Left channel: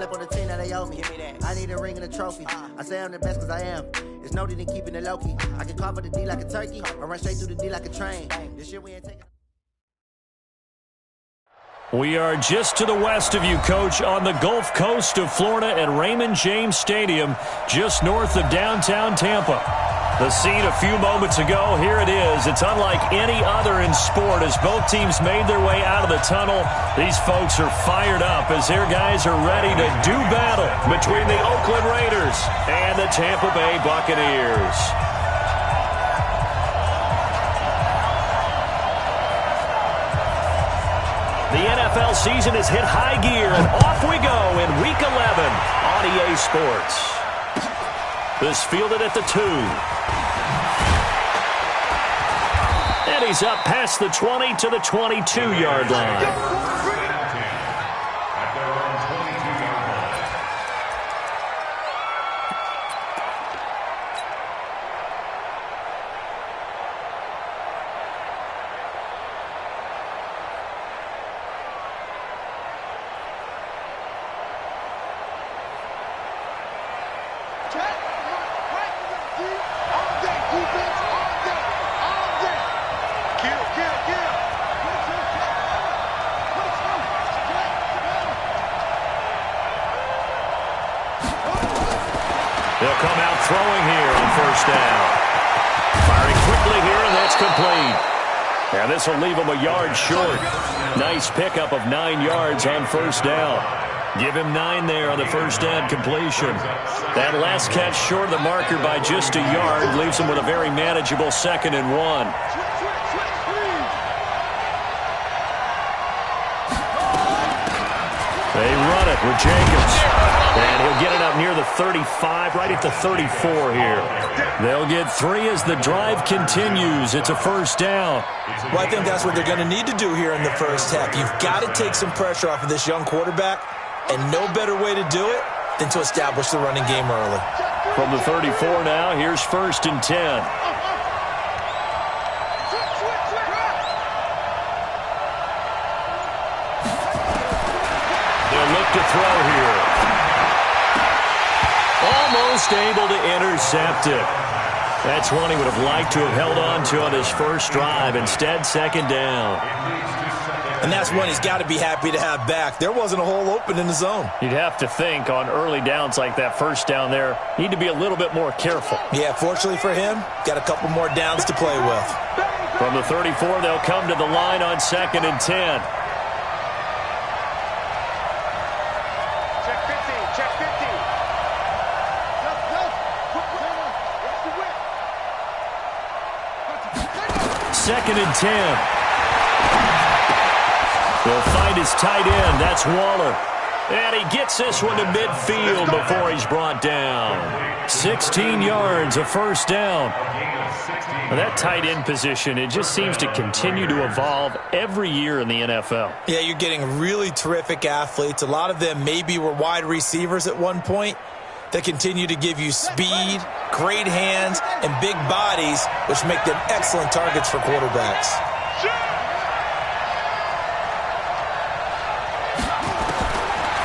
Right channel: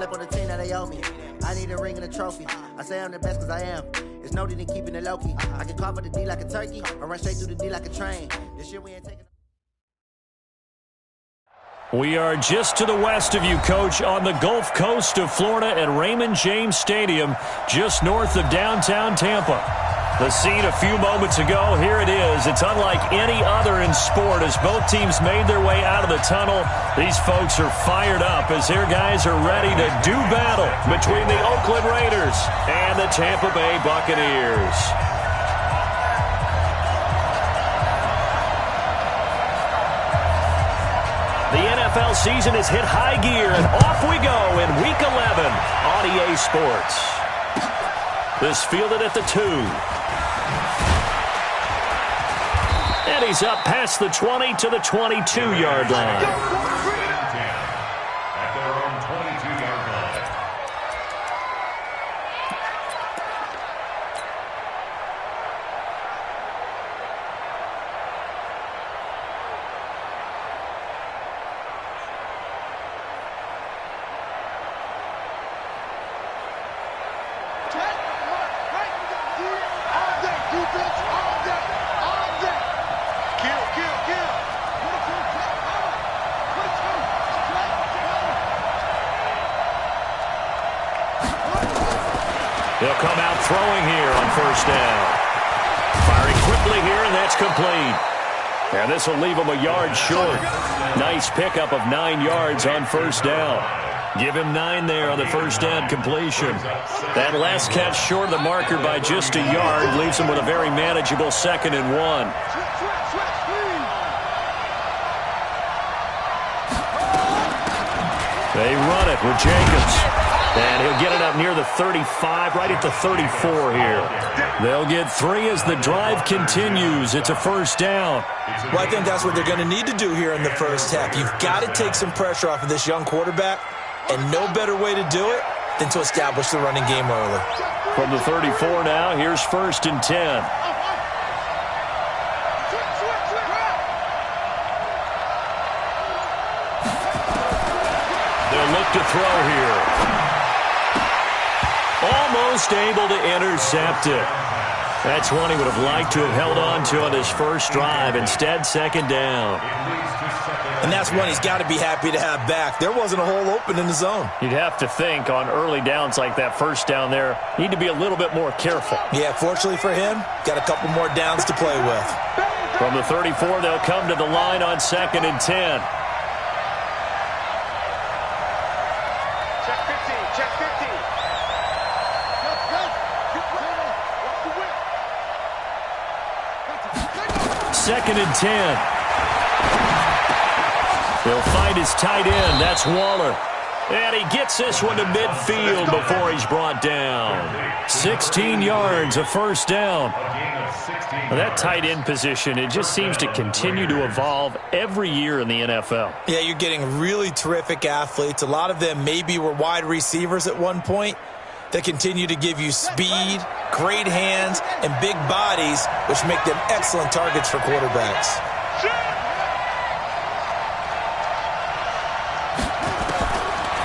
slept on the team, now they owe me. I need a ring and a trophy. I say I'm the best because I am. It's no need in keeping it low-key. I can carve up the D like a turkey or run straight through the D like a train. This year we ain't taking... We are just to the west of you, Coach, on the Gulf Coast of Florida at Raymond James Stadium, just north of downtown Tampa. The scene a few moments ago, here it is. It's unlike any other in sport as both teams made their way out of the tunnel. These folks are fired up as their guys are ready to do battle between the Oakland Raiders and the Tampa Bay Buccaneers. The NFL season has hit high gear, and off we go in Week 11 on EA Sports. This fielded at the 2. And he's up past the 20 to the 22-yard line. They'll come out throwing here on first down. Firing quickly here, and that's complete. And this will leave him a yard short. Nice pickup of 9 yards on first down. Give him 9 there on the first down completion. That last catch short of the marker by just a yard leaves him with a very manageable 2nd and 1. They run it with Jacobs. And he'll get it up near the 35, right at the 34 here. They'll get 3 as the drive continues. It's a first down. Well, I think that's what they're going to need to do here in the first half. You've got to take some pressure off of this young quarterback, and no better way to do it than to establish the running game early. From the 34 now, here's 1st and 10. They'll look to throw here. Almost able to intercept it. That's one he would have liked to have held on to on his first drive. Instead, 2nd down. And that's one he's got to be happy to have back. There wasn't a hole open in the zone. You'd have to think on early downs like that first down there, need to be a little bit more careful. Yeah, fortunately for him, got a couple more downs to play with. From the 34, they'll come to the line on 2nd and 10. Check 15, check 15. 2nd and 10. They'll find his tight end. That's Waller. And he gets this one to midfield before he's brought down. 16 yards, a first down. Well, that tight end position, it just seems to continue to evolve every year in the NFL. Yeah, you're getting really terrific athletes. A lot of them maybe were wide receivers at one point. They continue to give you speed, great hands, and big bodies, which make them excellent targets for quarterbacks.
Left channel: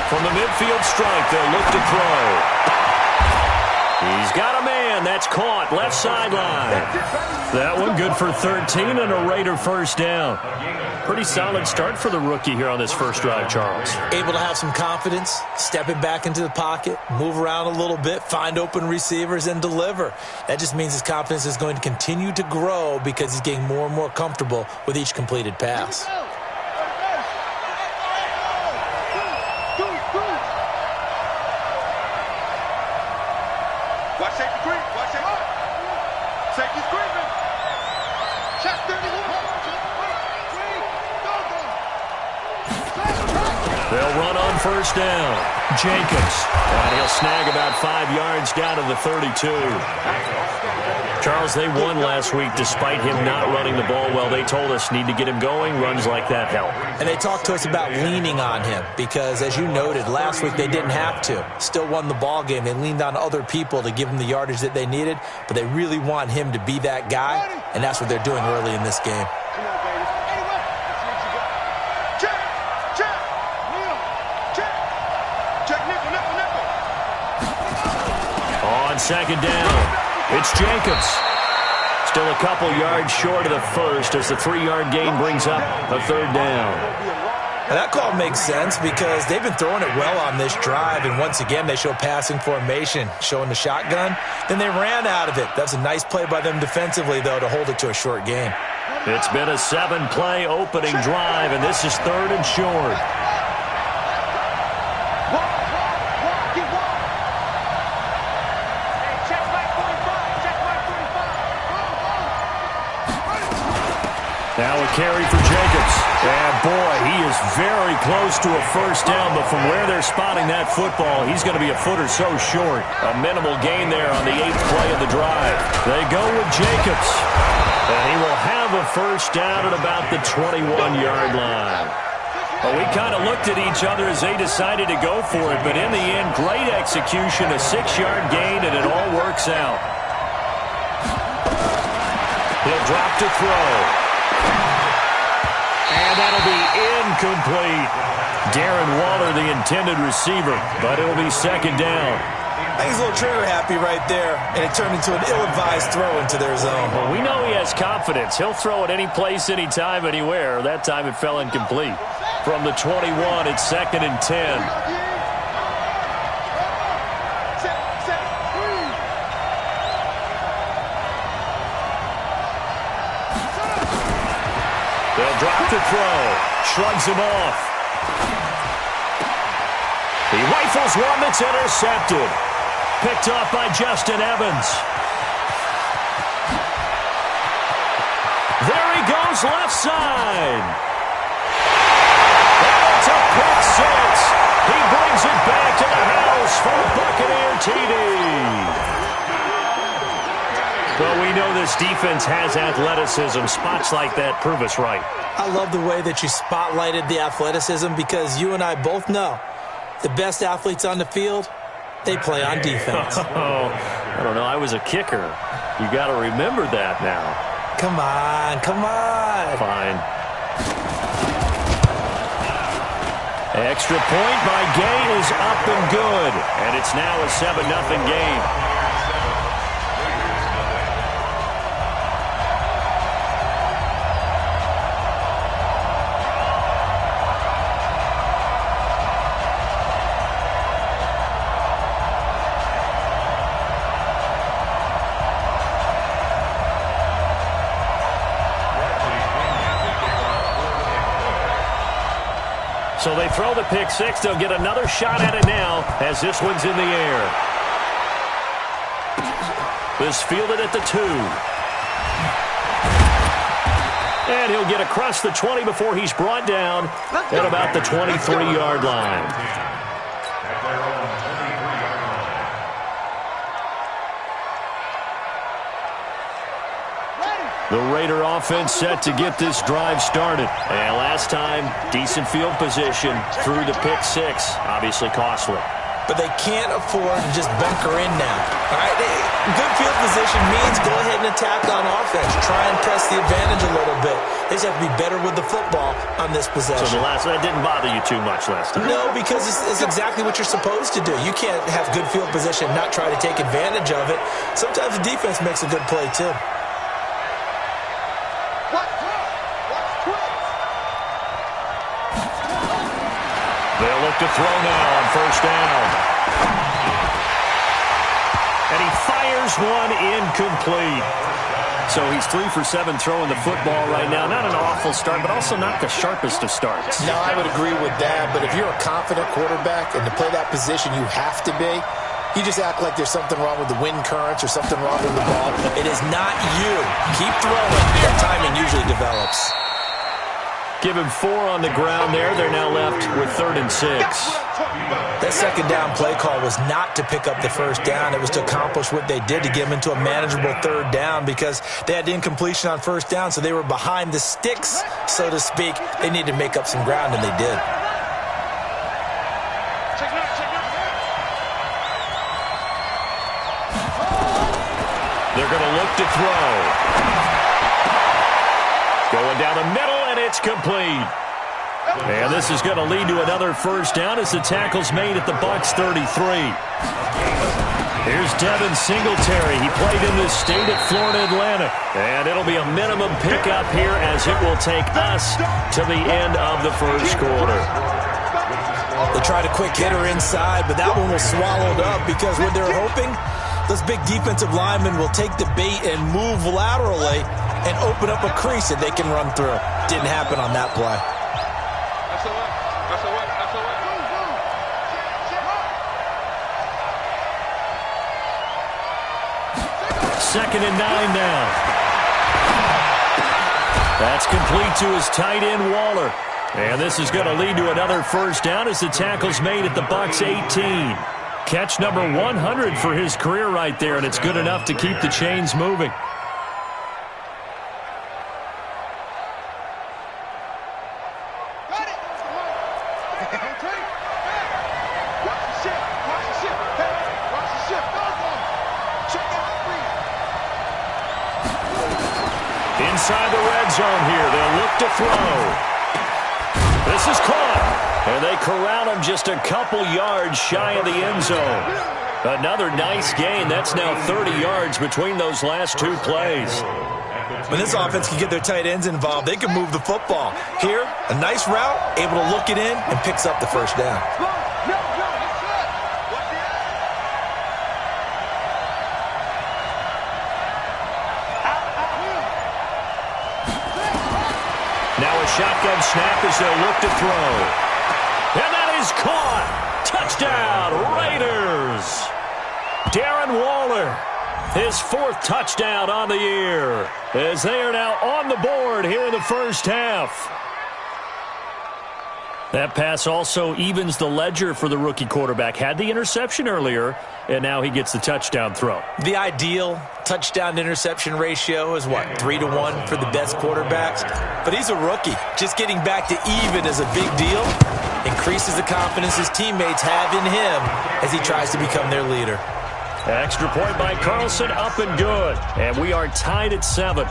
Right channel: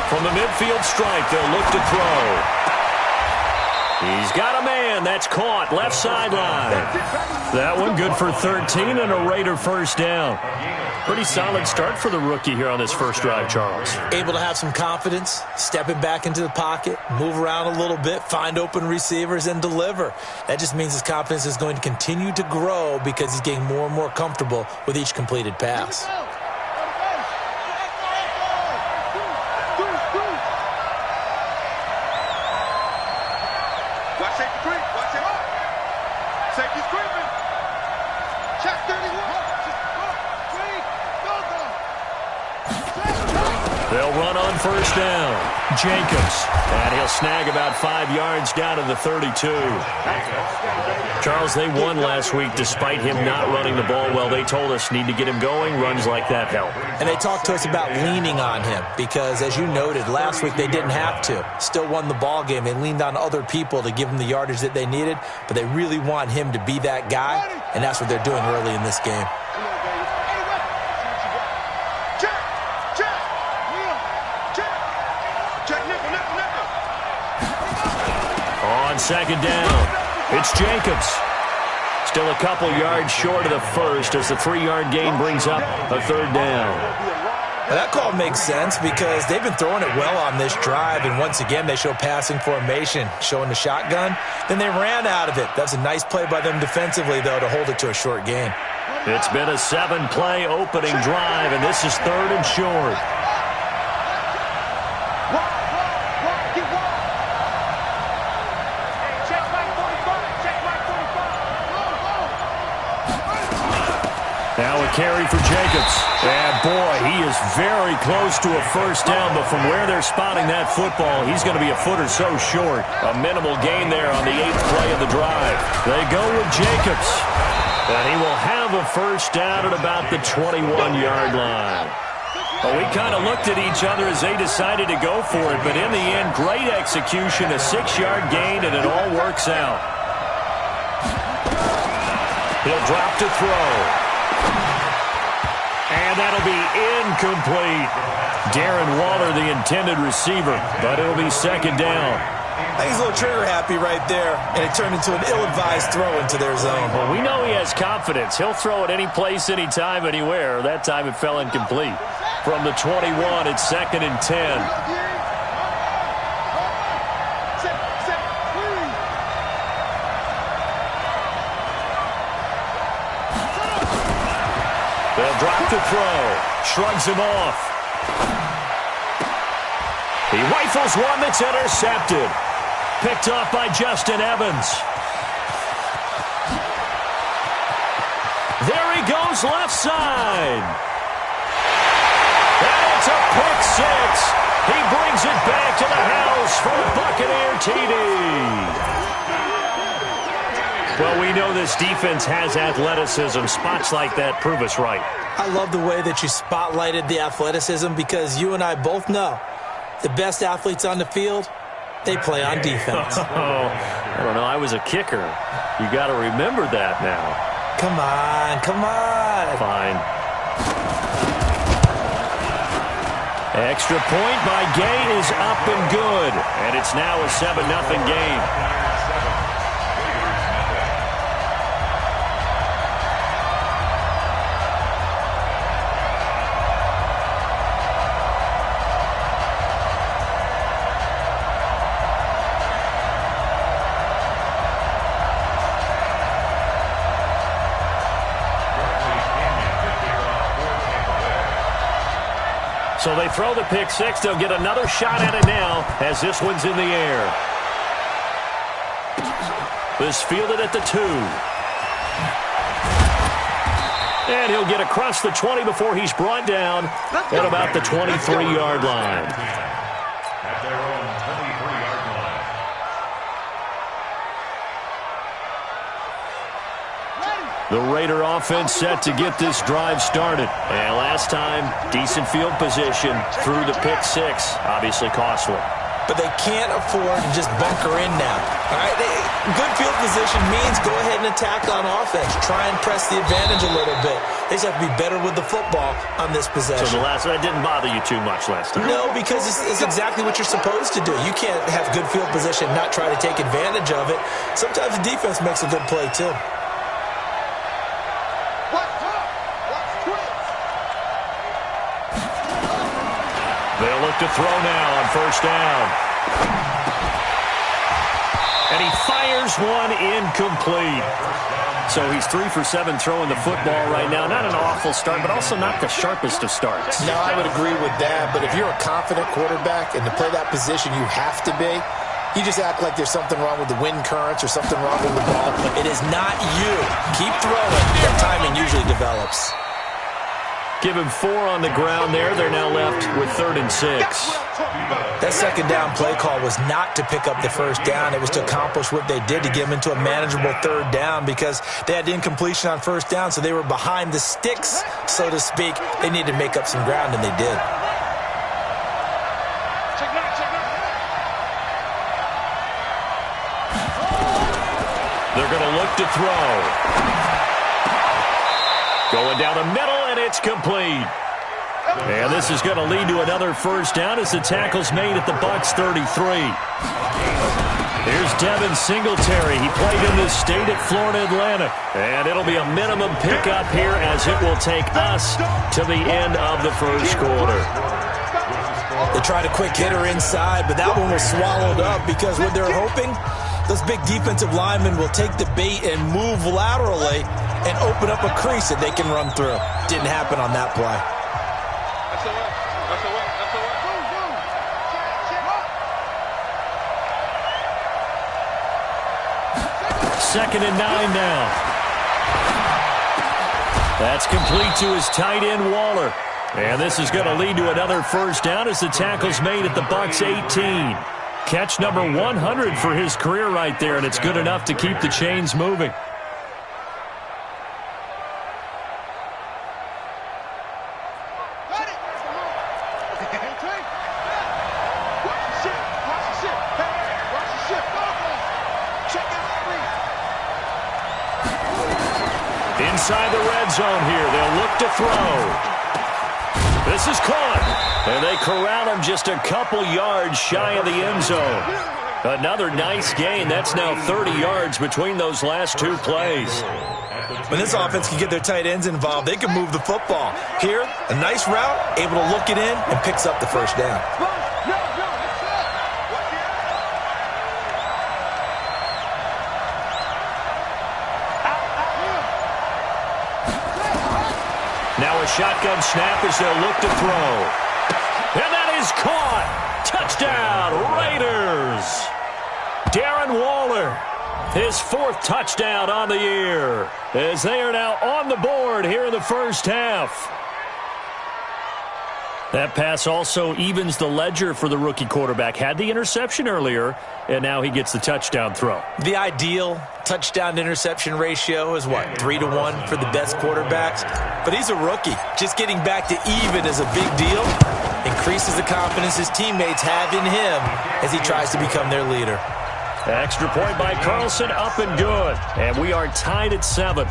From the midfield stripe, they'll look to throw. He's got a man. That's caught. Left sideline. That one good for 13 and a Raider first down. Pretty solid start for the rookie here on this first drive, Charles. Able to have some confidence, stepping back into the pocket, move around a little bit, find open receivers, and deliver. That just means his confidence is going to continue to grow because he's getting more and more comfortable with each completed pass. Watch safety creep. Watch safety. Safety's creeping. Check 31. They'll run on first down. Jacobs. And he'll snag about 5 yards down to the 32. Charles, they won last week despite him not running the ball well. They told us need to get him going. Runs like that help. And they talked to us about leaning on him because, as you noted, last week they didn't have to. Still won the ball game. They leaned on other people to give them the yardage that they needed, but they really want him to be that guy, and that's what they're doing early in this game. Come on, baby. Any weapon. Let's see what you got. Check. Check. Check. Check nickel. on second down. It's Jacobs. Still a couple yards short of the first as the 3-yard gain brings up a third down. Now that call makes sense because they've been throwing it well on this drive, and once again they show passing formation, showing the shotgun. Then they ran out of it. That's a nice play by them defensively, though, to hold it to a short gain. It's been a 7-play opening drive, and this is third and short. Now a carry for Jacobs. And, boy, he is very close to a first down, but from where they're spotting that football, he's going to be a foot or so short. A minimal gain there on the 8th play of the drive. They go with Jacobs. And he will have a first down at about the 21-yard line. Well, we kind of looked at each other as they decided to go for it, but in the end, great execution, a 6-yard gain, and it all works out. He'll drop to throw. And that'll be incomplete. Darren Waller, the intended receiver, but it'll be second down. I think he's a little trigger happy right there, and it turned into an ill-advised throw into their zone. Well, we know he has confidence. He'll throw it any place, anytime, anywhere. That time it fell incomplete. From the 21, it's second and 10. They'll drop to throw. Shrugs him off. He rifles one that's intercepted. Picked off by Justin Evans. There he goes, left side. And it's a pick six. He brings it back to the house for a Buccaneer TD. Well, we know this defense has athleticism. Spots like that prove us right. I love the way that you spotlighted the athleticism because you and I both know the best athletes on the field, they play on defense. Oh, I don't know. I was a kicker. You got to remember that now. Come on, come on. Fine. Extra point by Gay is up and good. And it's now a 7-0 game. So they throw the pick six. They'll get another shot at it now as this one's in the air. This fielded at the 2. And he'll get across the 20 before he's brought down at about the 23-yard line. At their own 23-yard line. The Raider offense set to get this drive started. And last time, decent field position through the pick six. Obviously costly. But they can't afford to just bunker in now. All right, good field position means go ahead and attack on offense. Try and press the advantage a little bit. They just have to be better with the football on this possession. So that didn't bother you too much last time? No, because it's exactly what you're supposed to do. You can't have good field position and not try to take advantage of it. Sometimes the defense makes a good play, too. They'll look to throw now on first down. And he fires one incomplete. So he's 3 for 7 throwing the football right now. Not an awful start, but also not the sharpest of starts. No, I would agree with that. But if you're a confident quarterback and to play that position you have to be, you just act like there's something wrong with the wind currents or something wrong with the ball. It is not you. Keep throwing. That timing usually develops. Give him 4 on the ground there. They're now left with 3rd and 6. That second down play call was not to pick up the first down. It was to accomplish what they did to get them into a manageable 3rd down because they had the incompletion on first down, so they were behind the sticks, so to speak. They needed to make up some ground, and they did. They're going to look to throw. Going down the middle, and it's complete. And this is going to lead to another first down as the tackle's made at the Bucs 33. Here's Devin Singletary. He played in this state at Florida Atlantic. And it'll be a minimum pickup here as it will take us to the end of the first quarter. They tried a quick hitter inside, but that one was swallowed up because what they're hoping, those big defensive linemen will take the bait and move laterally and open up a crease that they can run through. Didn't happen on that play. Second and 9 now. That's complete to his tight end, Waller. And this is going to lead to another first down as the tackle's made at the Bucs 18. Catch number 100 for his career right there, and it's good enough to keep the chains moving. Inside the red zone here. They'll look to throw. This is caught. And they corral him just a couple yards shy of the end zone. Another nice gain. That's now 30 yards between those last two plays. When this offense can get their tight ends involved, they can move the football. Here, a nice route, able to look it in, and picks up the first down. Now a shotgun snap as they'll look to throw. And that is caught. Touchdown, Raiders. Darren Waller, his fourth touchdown on the year, as they are now on the board here in the first half. That pass also evens the ledger for the rookie quarterback. Had the interception earlier, and now he gets the touchdown throw. The ideal touchdown-interception ratio is, what, 3-to-1 for the best quarterbacks? But he's a rookie. Just getting back to even is a big deal. Increases the confidence his teammates have in him as he tries to become their leader. Extra point by Carlson, up and good. And we are tied at 7.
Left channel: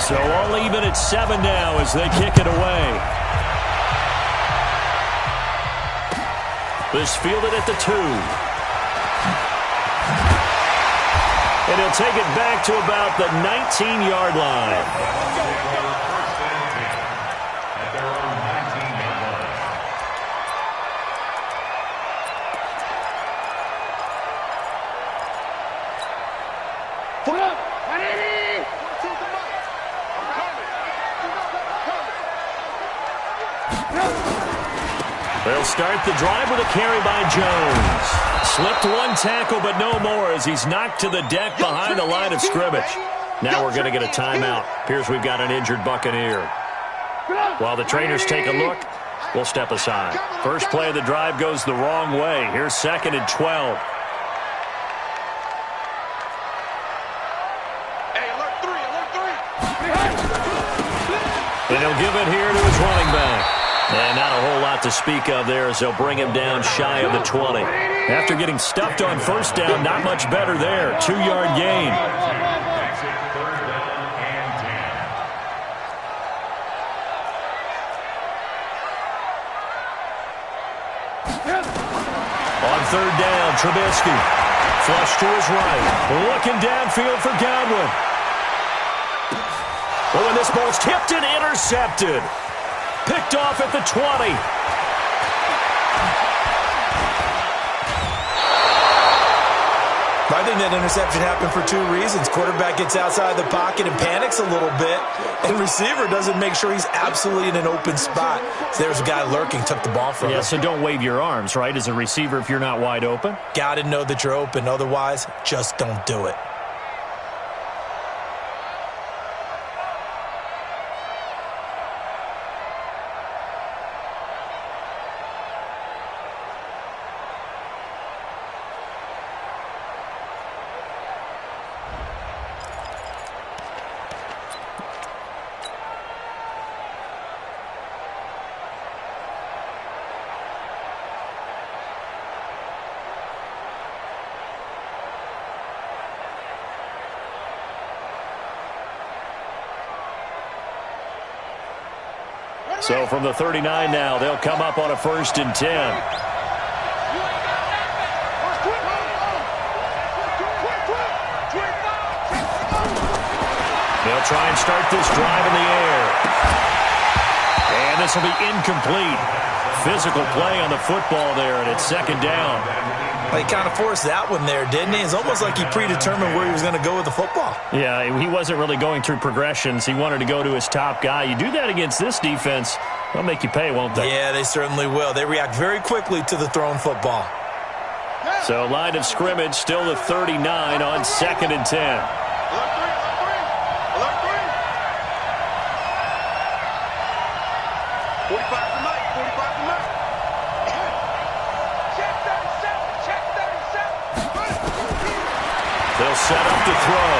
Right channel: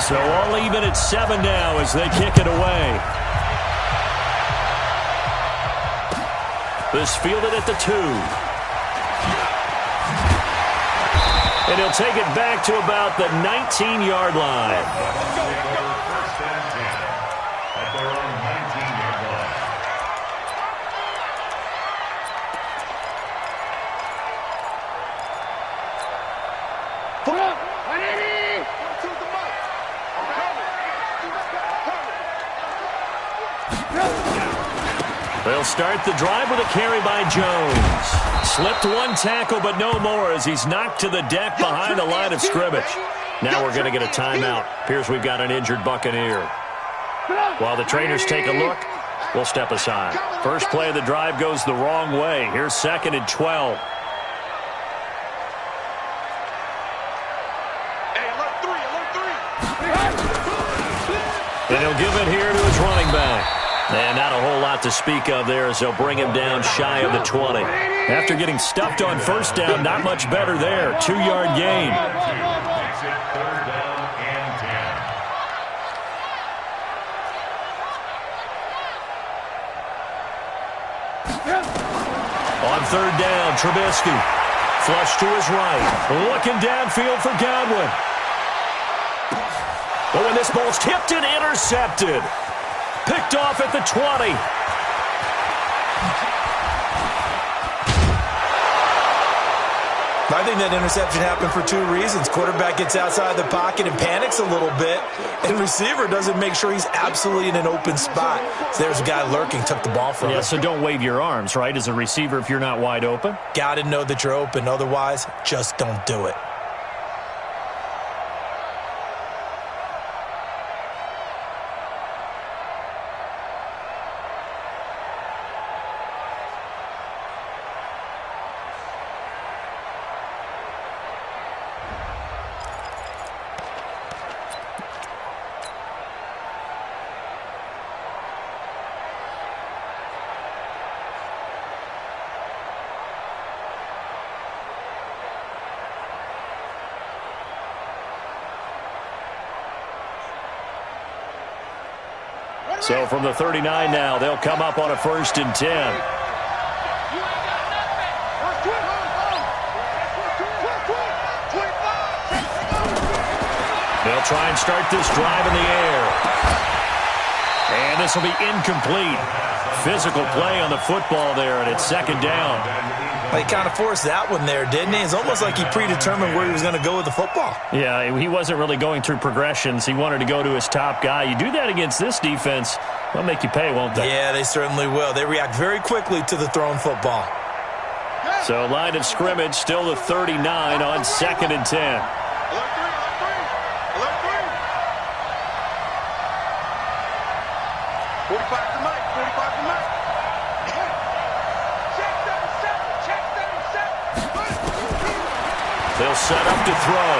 So all even at 7 now as they kick it away. This fielded at the 2. And he'll take it back to about the 19-yard line. First and 10 at their own 19-yard line. Pull up! 180! They'll start the drive with a carry by Jones. Slipped one tackle, but no more as he's knocked to the deck behind the line of scrimmage. Now we're going to get a timeout. Appears we've got an injured Buccaneer. While the trainers take a look, we'll step aside. First play of the drive goes the wrong way. Here's 2nd and 12. And he'll give it here to his running back. And not a whole lot to speak of there as they'll bring him down shy of the 20. After getting stuffed on first down, not much better there. 2-yard gain. Makes it 3rd down and 10. On 3rd down, Trubisky. Flush to his right. Looking downfield for Godwin. Oh, and this ball's tipped and intercepted. Picked off at the 20. I think that interception happened for 2 reasons. Quarterback gets outside the pocket and panics a little bit, and receiver doesn't make sure he's absolutely in an open spot. So there's a guy lurking, took the ball from him. Yeah, so don't wave your arms, right, as a receiver if you're not wide open? Got to know that you're open. Otherwise, just don't do it. So from the 39 now, they'll come up on a 1st and 10. They'll try and start this drive in the air. And this will be incomplete. Physical play on the football there, and it's 2nd down. He kind of forced that one there, didn't he? It's almost like he predetermined where he was going to go with the football. Yeah, he wasn't really going through progressions. He wanted to go to his top guy. You do that against this defense, they'll make you pay, won't they? Yeah, they certainly will. They react very quickly to the thrown football. So line of scrimmage, still the 39 on 2nd and 10. They'll set up to throw.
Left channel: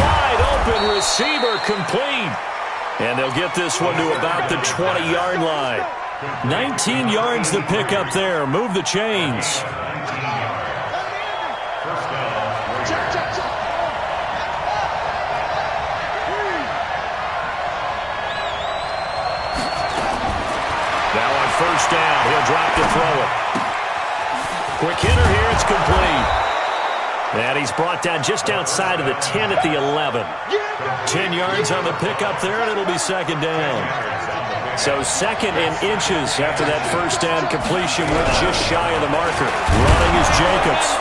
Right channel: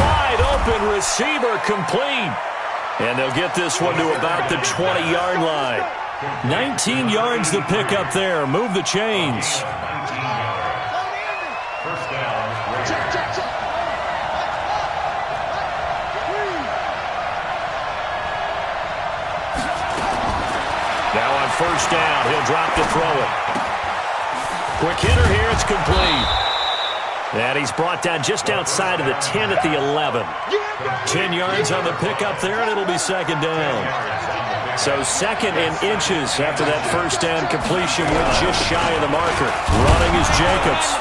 Wide open receiver complete. And they'll get this one to about the 20-yard line. 19 yards to pick up there. Move the chains. Now on 1st down, he'll drop to throw it. Quick hitter here, it's complete. And he's brought down just outside of the 10 at the 11. 10 yards on the pickup there, and it'll be 2nd down. So 2nd and inches after that 1st down completion, went just shy of the marker. Running is Jacobs.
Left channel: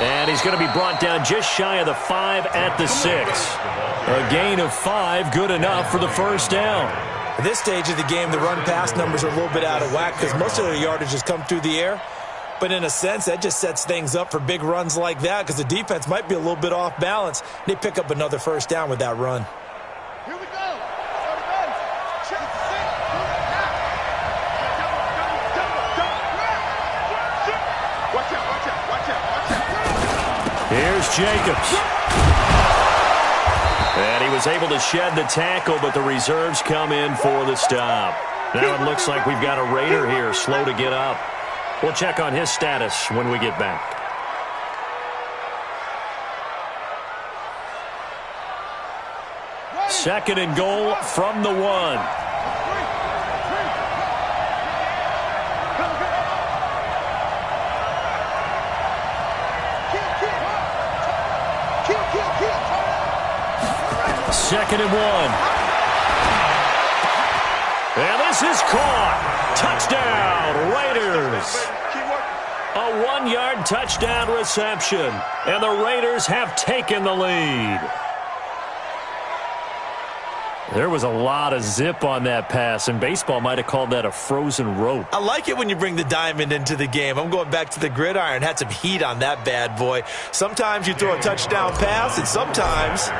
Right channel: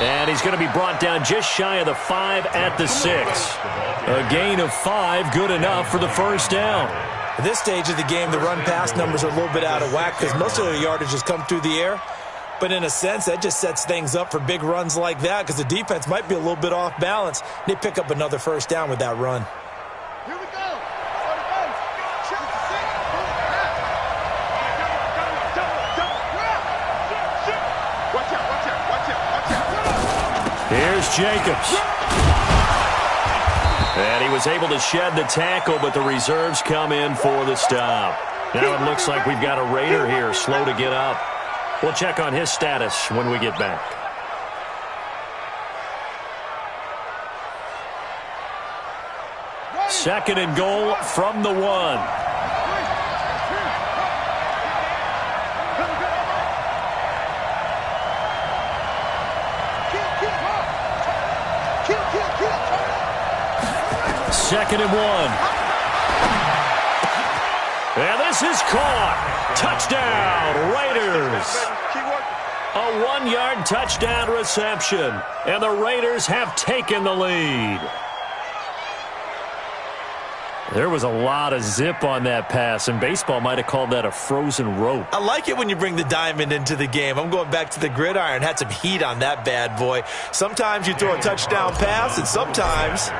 And he's going to be brought down just shy of the 5 at the 6. A gain of 5, good enough for the 1st down. At this stage of the game, the run-pass numbers are a little bit out of whack because most of their yardage has come through the air. But in a sense, that just sets things up for big runs like that because the defense might be a little bit off balance. They pick up another 1st down with that run. Here we go. Go to base. Check the 6. Watch out, watch out, watch out, watch out. Here's Jacobs. And he was able to shed the tackle, but the reserves come in for the stop. Now it looks like we've got a Raider here, slow to get up. We'll check on his status when we get back. Second and goal from the 1. Second and 1. And this is caught. Touchdown, Raiders. A 1-yard touchdown reception. And the Raiders have taken the lead. There was a lot of zip on that pass, and baseball might have called that a frozen rope. I like it when you bring the diamond into the game. I'm going back to the gridiron. Had some heat on that bad boy. Sometimes you throw a touchdown pass, and sometimes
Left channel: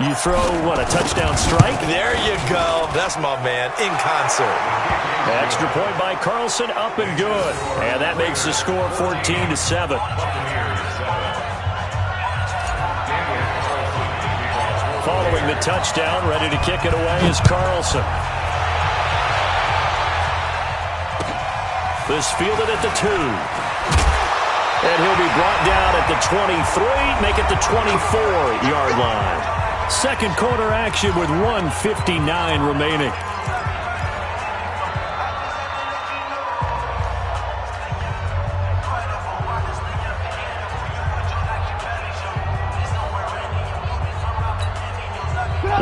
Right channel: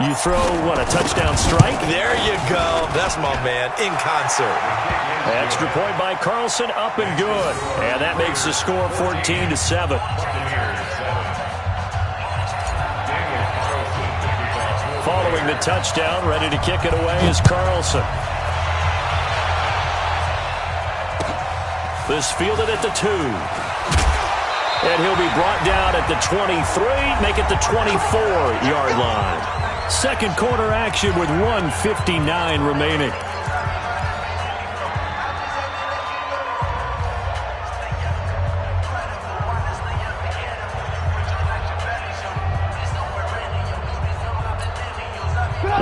you throw, what, a touchdown strike? There you go. That's my man, in concert. Extra point by Carlson, up and good. And that makes the score 14-7. Following the touchdown, ready to kick it away is Carlson. This fielded at the 2. And he'll be brought down at the 23, make it the 24-yard line. Second quarter action with 1:59 remaining.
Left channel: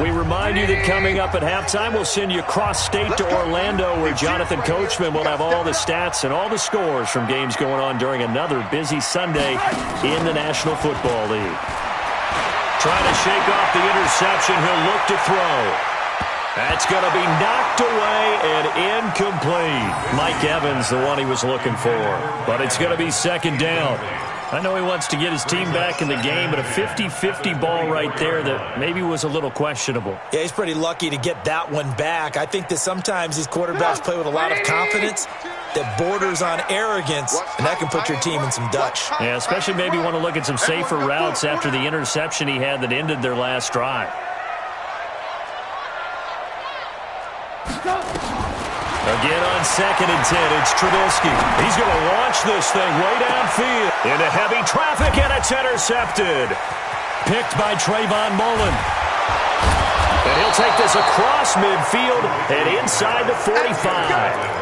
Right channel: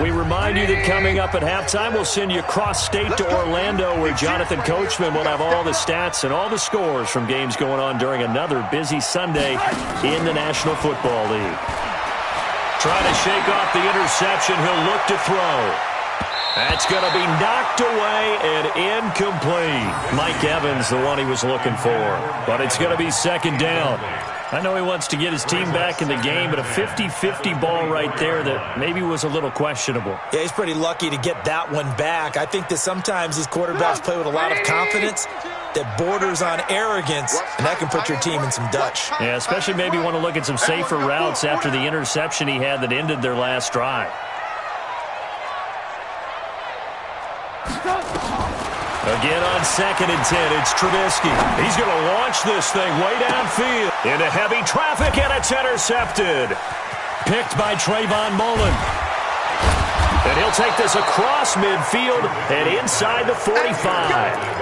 We remind you that coming up at halftime, we'll send you cross-state to Orlando, where Jonathan Coachman will have all the stats and all the scores from games going on during another busy Sunday in the National Football League. Trying to shake off the interception, he'll look to throw. That's going to be knocked away and incomplete. Mike Evans, the one he was looking for. But it's going to be 2nd down. I know he wants to get his team back in the game, but a 50-50 ball right there that maybe was a little questionable. Yeah, he's pretty lucky to get that one back. I think that sometimes these quarterbacks play with a lot of confidence that borders on arrogance, and that can put your team in some Dutch. Yeah, especially maybe want to look at some safer routes after the interception he had that ended their last drive. Again on 2nd and 10, it's Trubisky. He's going to launch this thing way downfield into heavy traffic, and it's intercepted. Picked by Trayvon Mullen. And he'll take this across midfield and inside the 45.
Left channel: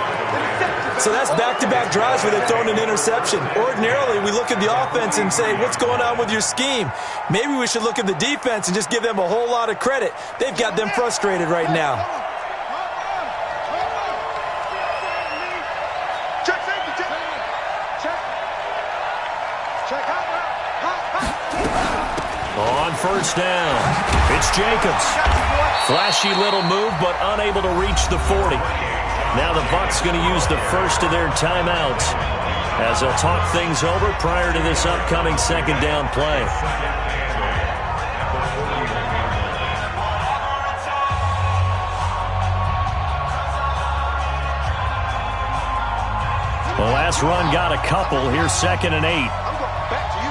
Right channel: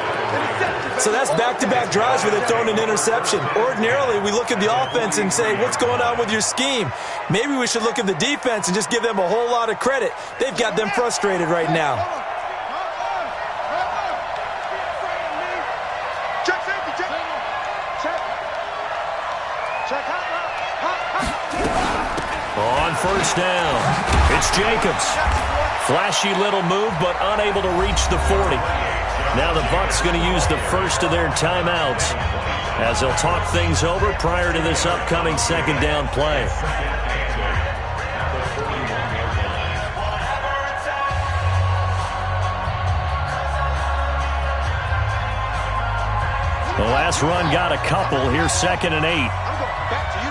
So that's back-to-back drives where they've thrown an interception. Ordinarily, we look at the offense and say, what's going on with your scheme? Maybe we should look at the defense and just give them a whole lot of credit. They've got them frustrated right now. On first down, it's Jacobs. Flashy little move, but unable to reach the 40. Now the Bucs going to use the first of their timeouts as they'll talk things over prior to this upcoming second down play. The last run got a couple. Here's 2nd and 8. I'm going back to you.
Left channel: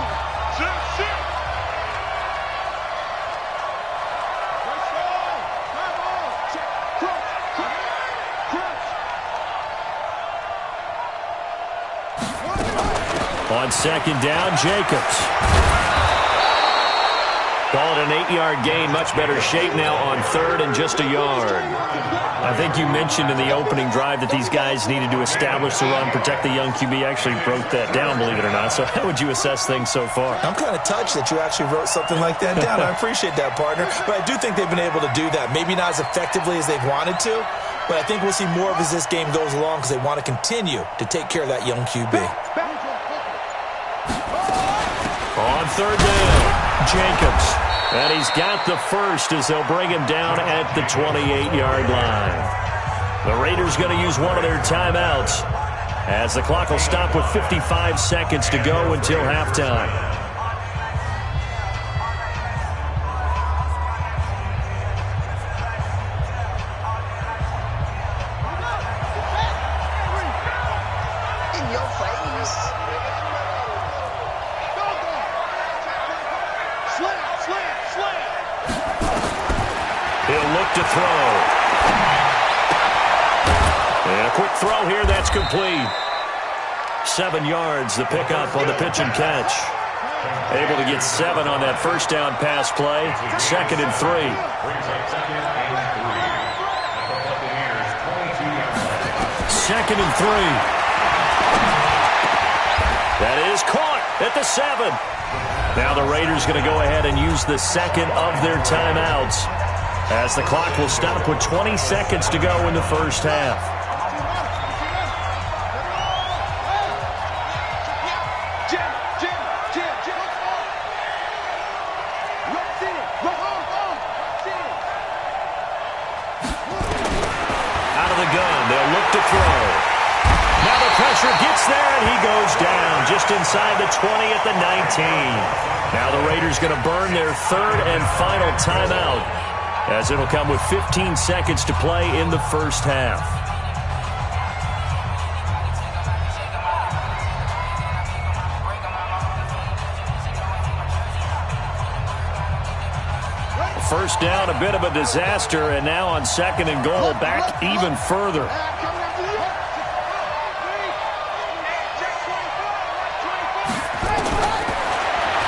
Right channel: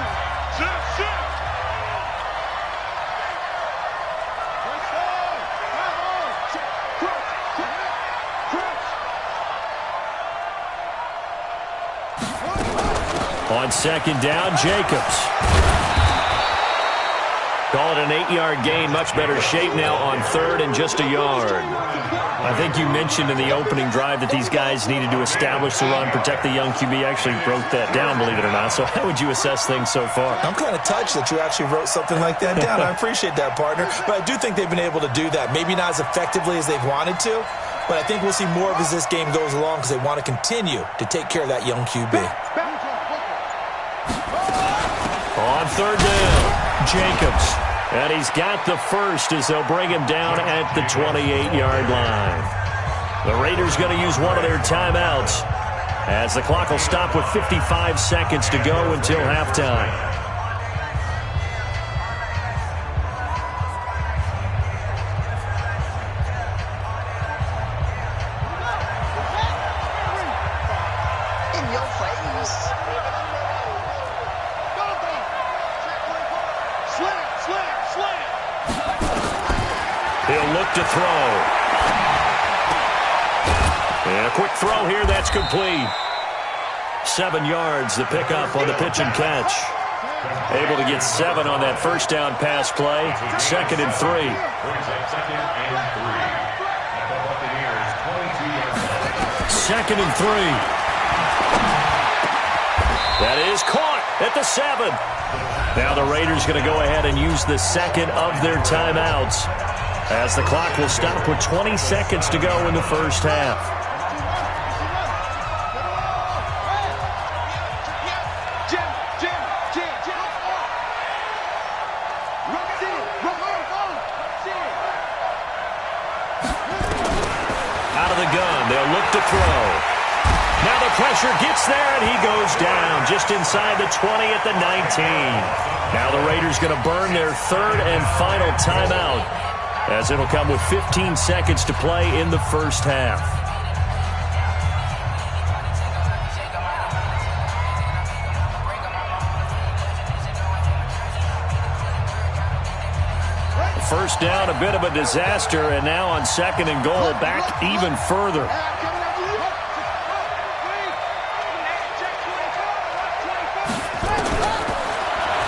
On 2nd down, Jacobs. Call it an 8-yard gain. Much better shape now on 3rd and just a yard. I think you mentioned in the opening drive that these guys needed to establish the run, protect the young QB. Actually broke that down, believe it or not. So how would you assess things so far? I'm kind of touched that you actually wrote something like that down. I appreciate that, partner. But I do think they've been able to do that. Maybe not as effectively as they've wanted to, but I think we'll see more of as this game goes along because they want to continue to take care of that young QB. On 3rd down, Jacobs. And he's got the first as they'll bring him down at the 28-yard line. The Raiders going to use one of their timeouts as the clock will stop with 55 seconds to go until halftime. He'll look to throw. And a quick throw here, that's complete. 7 yards, the pickup on the pitch and catch. Able to get 7 on that first down pass play. 2nd and 3. Brings up 2nd and 3 at the Buccaneers' 22-yard line. 2nd and 3. That is caught at the 7. Now the Raiders going to go ahead and use the second of their timeouts as the clock will stop with 20 seconds to go in the first half. Out of the gun, they'll look to throw. Now the pressure gets there, and he goes down just inside the 20 at the 19. Now the Raiders going to burn their 3rd and final timeout as it'll come with 15 seconds to play in the first half. First down, a bit of a disaster, and now on 2nd and goal, back even further.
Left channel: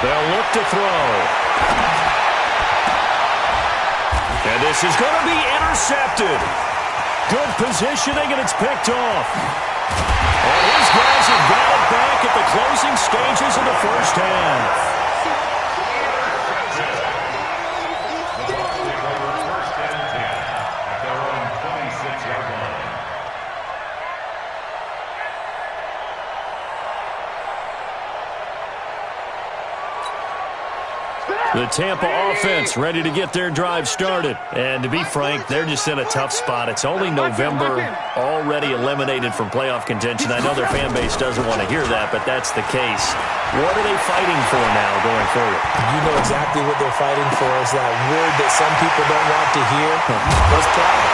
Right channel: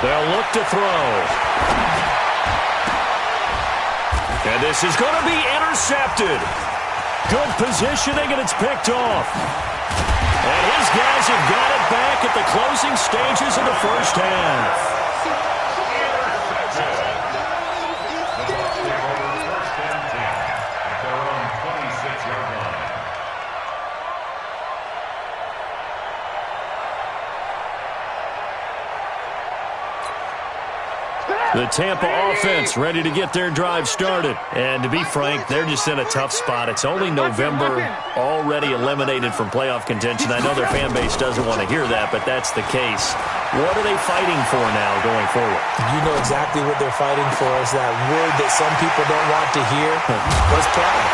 They'll look to throw. And this is going to be intercepted. Good positioning, and it's picked off. And his guys have got it back at the closing stages of the first half. The Bucs take over 1st and 10 at their own 26-yard line. The Tampa offense ready to get their drive started. And to be frank, they're just in a tough spot. It's only November, already eliminated from playoff contention. I know their fan base doesn't want to hear that, but that's the case. What are they fighting for now going forward? You know exactly what they're fighting for is that word that some people don't want to hear. What's pride?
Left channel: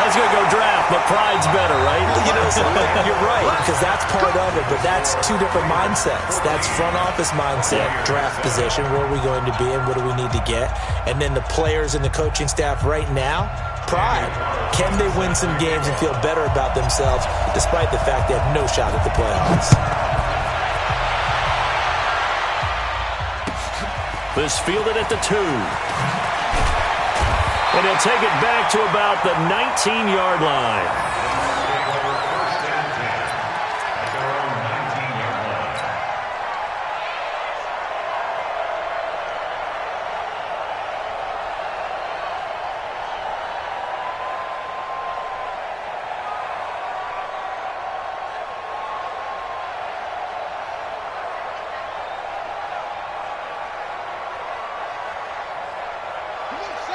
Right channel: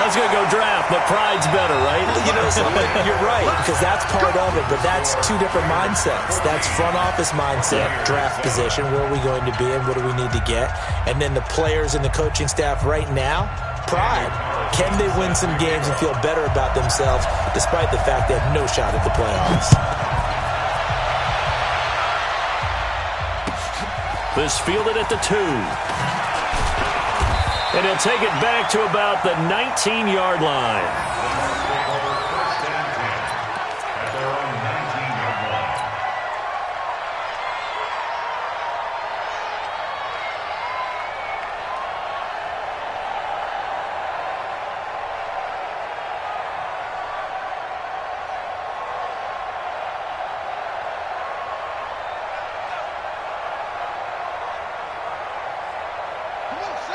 I was going to go draft, but pride's better, right? You know something? You're right, because that's part of it, but that's 2 different mindsets. That's front office mindset, draft position, where are we going to be and what do we need to get? And then the players and the coaching staff right now, pride. Can they win some games and feel better about themselves despite the fact they have no shot at the playoffs? This fielded at the 2. And he'll take it back to about the 19-yard line. First and 10 at their own 19-yard line.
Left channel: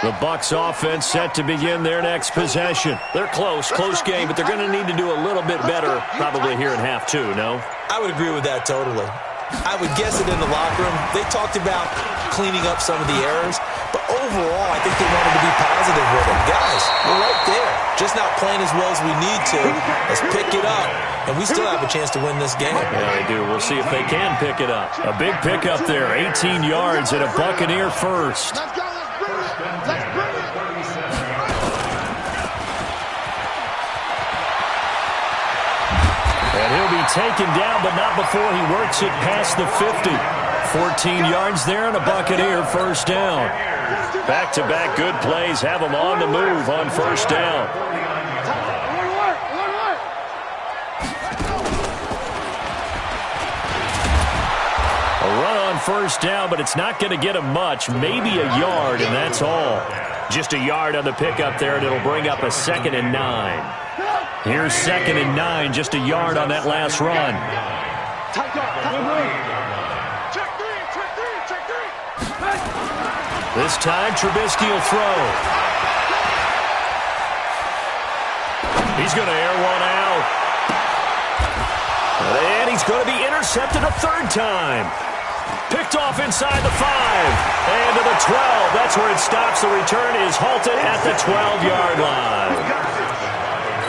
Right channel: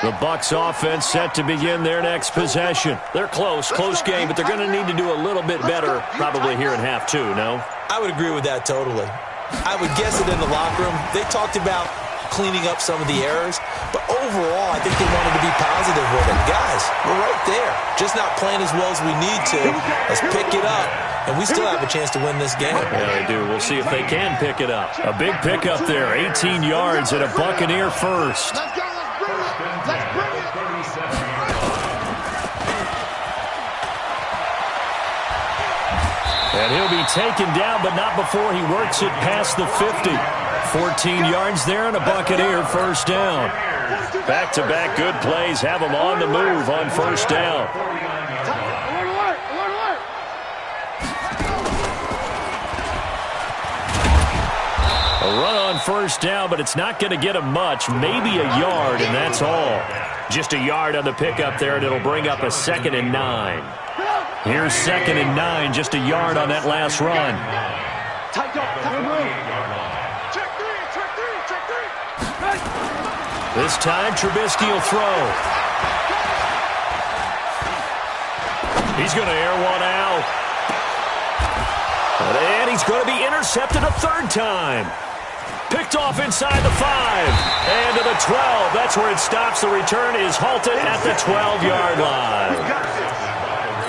The Bucs offense set to begin their next possession. They're close game, but they're going to need to do a little bit better probably here in half two, no? I would agree with that totally. I would guess it in the locker room. They talked about cleaning up some of the errors, but overall, I think they wanted to be positive with it. Guys, we're right there. Just not playing as well as we need to. Let's pick it up, and we still have a chance to win this game. Yeah, they do. We'll see if they can pick it up. A big pickup there, 18 yards and a Buccaneer first. Let's go. Let's bring it. 37-yard And he'll be taken down, but not before he works it past the 50. 14 yards there and a Buccaneer first down. Back-to-back good plays have them on the move on first down. A run on first down, but it's not going to get him much. Maybe a yard, and that's all. Just a yard on the pickup there, and it'll bring up a 2nd and 9. Here's 2nd and 9, just a yard on that last run. Check three. This time, Trubisky will throw. He's going to air one out. And he's going to be intercepted a third time. Picked off inside the 5. And to the 12. That's where it stops. The return is halted at the 12-yard line.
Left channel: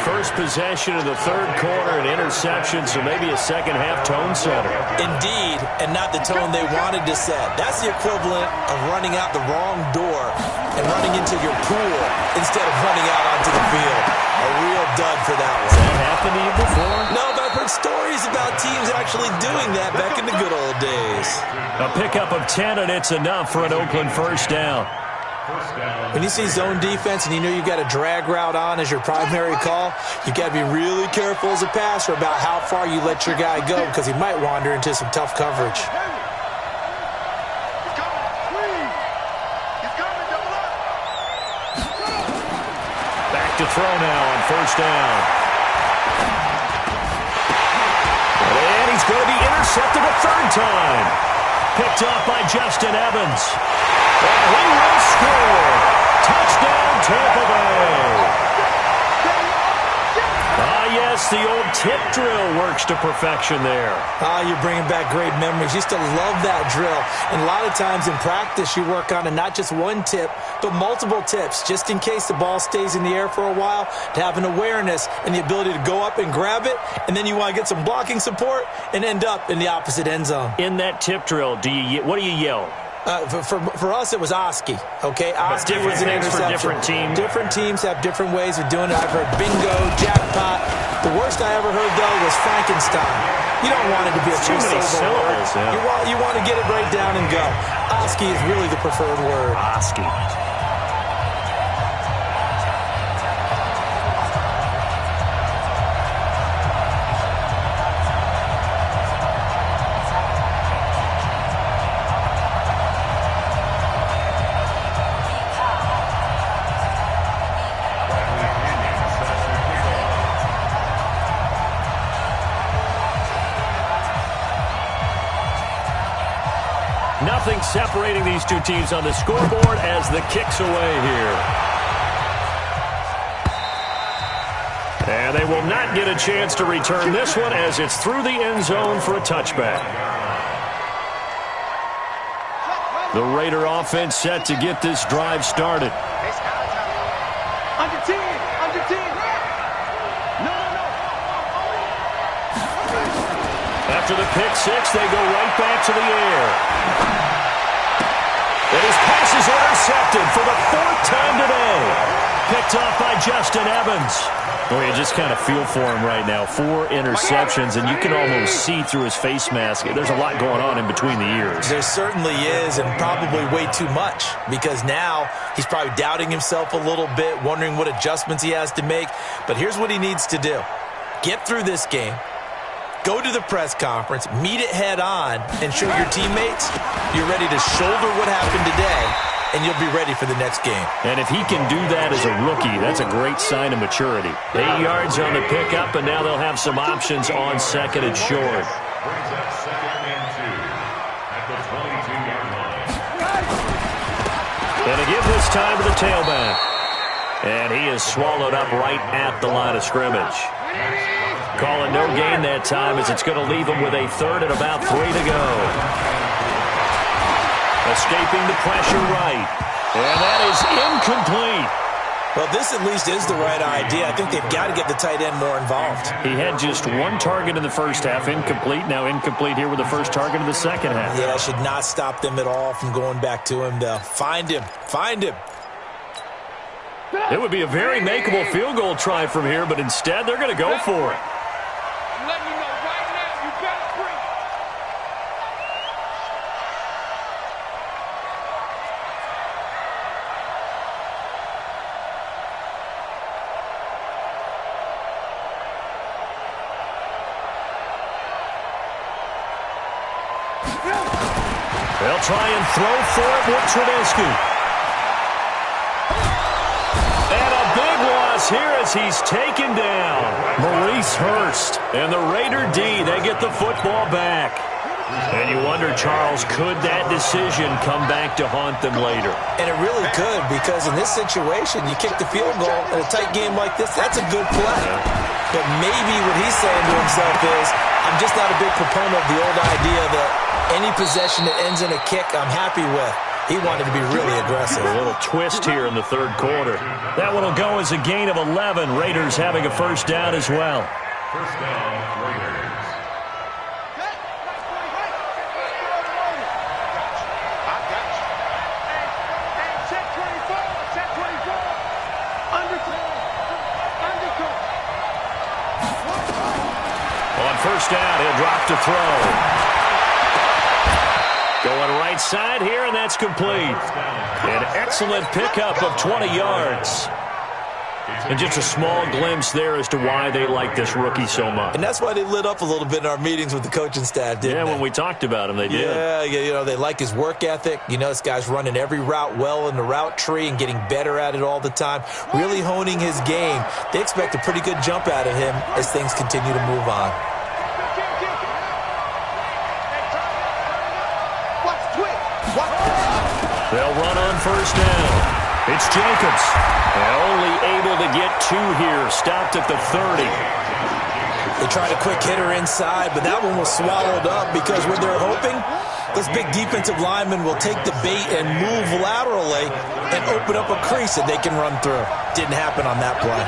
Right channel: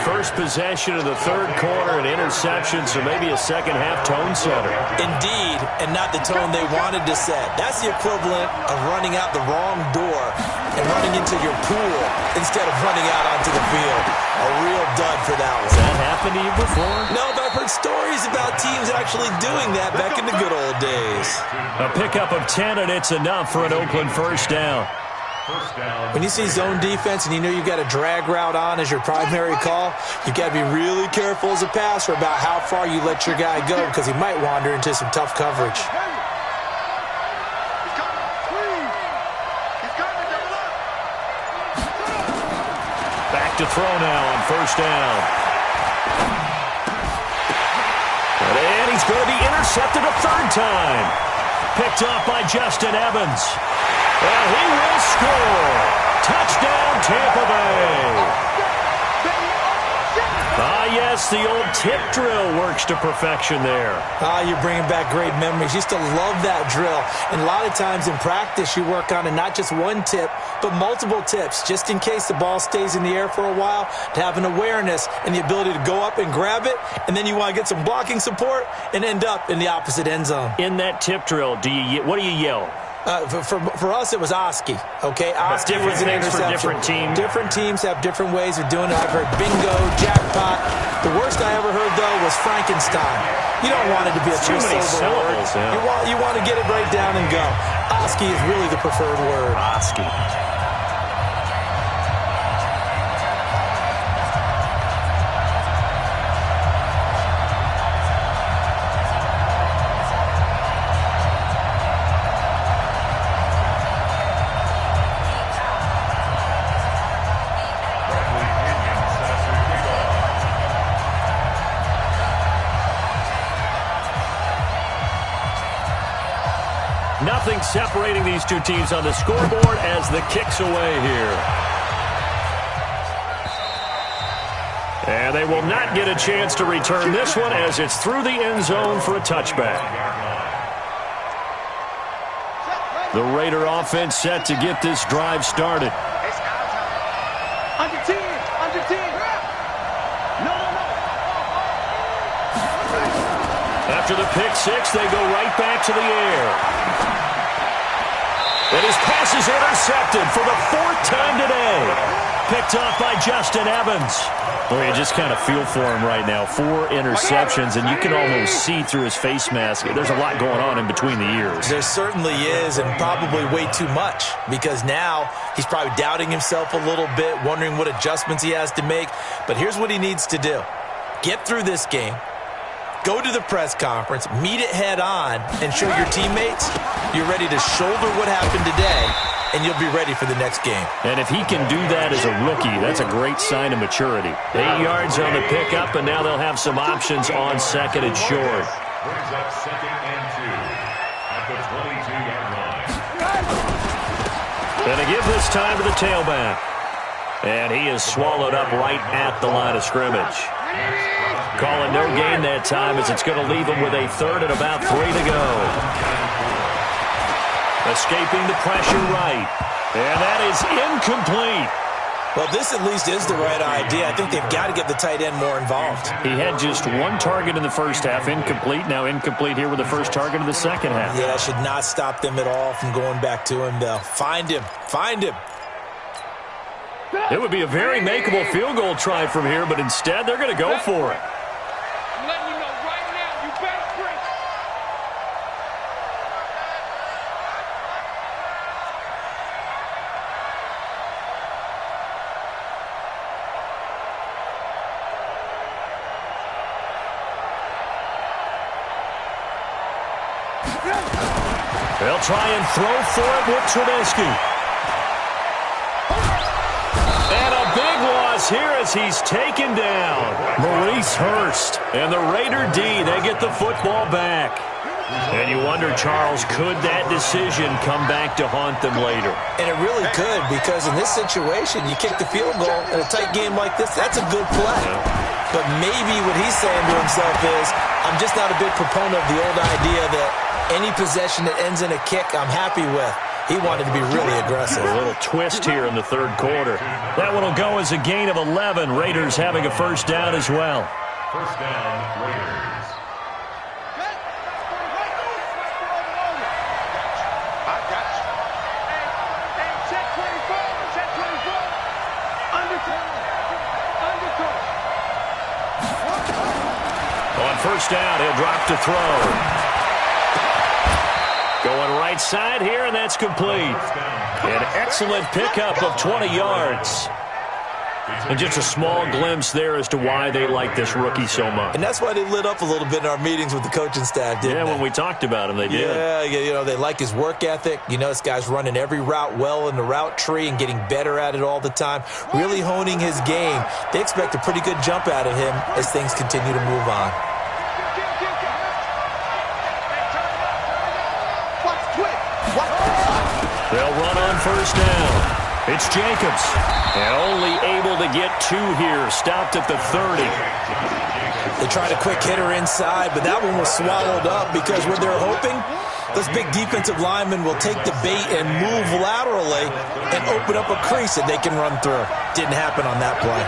First possession of the third quarter, an interception, so maybe a second-half tone setter. Indeed, and not the tone they wanted to set. That's the equivalent of running out the wrong door and running into your pool instead of running out onto the field. A real dud for that one. Has that happened to you before? No, but I've heard stories about teams actually doing that back in the good old days. A pickup of 10, and it's enough for an Oakland first down. When you see zone defense and you know you've got a drag route on as your primary call, you've got to be really careful as a passer about how far you let your guy go because he might wander into some tough coverage. He's coming. He's coming. Double up. Back to throw now on first down. And he's going to be intercepted a third time. Picked off by Justin Evans. And he will score. Touchdown, Tampa Bay. Ah, yes, the old tip drill works to perfection there. Ah, you're bringing back great memories. Used to love that drill. And a lot of times in practice, you work on it, not just one tip, but multiple tips, just in case the ball stays in the air for a while, to have an awareness and the ability to go up and grab it, and then you want to get some blocking support and end up in the opposite end zone. In that tip drill, what do you yell? For us, it was Oski, okay? Oski was an interception. For different teams. Different teams have different ways of doing it. I've heard bingo, jackpot. The worst I ever heard, though, was Frankenstein. You don't want it to be a too many syllables. Yeah. You want to get it right down and go. Oski is really the preferred word. Oski. Nothing separating these two teams on the scoreboard as the kick's away here. And they will not get a chance to return this one as it's through the end zone for a touchback. The Raider offense set to get this drive started. Under 10. No. After the pick six, they go right back to the air. And his pass is intercepted for the fourth time today. picked off by Justin Evans. Well, you just kind of feel for him right now. 4 interceptions, and you can almost see through his face mask. There's a lot going on in between the ears. There certainly is, and probably way too much, because now he's probably doubting himself a little bit, wondering what adjustments he has to make. But here's what he needs to do. Get through this game. Go to the press conference, meet it head on, and show your teammates you're ready to shoulder what happened today, and you'll be ready for the next game. And if he can do that as a rookie, that's a great sign of maturity. 8 yards on the pickup, and now they'll have some options on second and short. Brings up 2nd and 2 at the 22-yard line. Going to give this time to the tailback. And he is swallowed up right at the line of scrimmage. Calling no gain that time as it's going to leave him with a 3rd and about 3 to go. Escaping the pressure right. And that is incomplete. Well, this at least is the right idea. I think they've got to get the tight end more involved. He had just 1 target in the first half, incomplete. Now incomplete here with the first target of the second half. Yeah, that should not stop them at all from going back to him, though. Find him. Find him. It would be a very makeable field goal try from here, but instead they're going to go for it. I'm letting you know right now, you better bring it. They'll try and throw for it with Trubisky. And a big loss here as he's taken down. Maurice Hurst and the Raider D, they get the football back. And you wonder, Charles, could that decision come back to haunt them later? And it really could, because in this situation, you kick the field goal in a tight game like this, that's a good play. But maybe what he's saying to himself is, I'm just not a big proponent of the old idea that any possession that ends in a kick, I'm happy with. He wanted to be really aggressive. A little twist here in the 3rd quarter. That one will go as a gain of 11. Raiders having a first down as well. First down, Raiders. I got you. Hey, check 24. Check 24. Undercoat. On first down, he'll drop to throw. Going right side here, and that's complete. An excellent pickup of 20 yards. And just a small glimpse there as to why they like this rookie so much. And that's why they lit up a little bit in our meetings with the coaching staff, didn't they? Yeah, when we talked about him, they did. Yeah, you know, they like his work ethic. You know, this guy's running every route well in the route tree and getting better at it all the time, really honing his game. They expect a pretty good jump out of him as things continue to move on. They'll run on first down. It's Jacobs. And only able to get 2 here. Stopped at the 30. They tried a quick hitter inside, but that one was swallowed up because what they're hoping, those big defensive linemen will take the bait and move laterally and open up a crease that they can run through. Didn't happen on that play.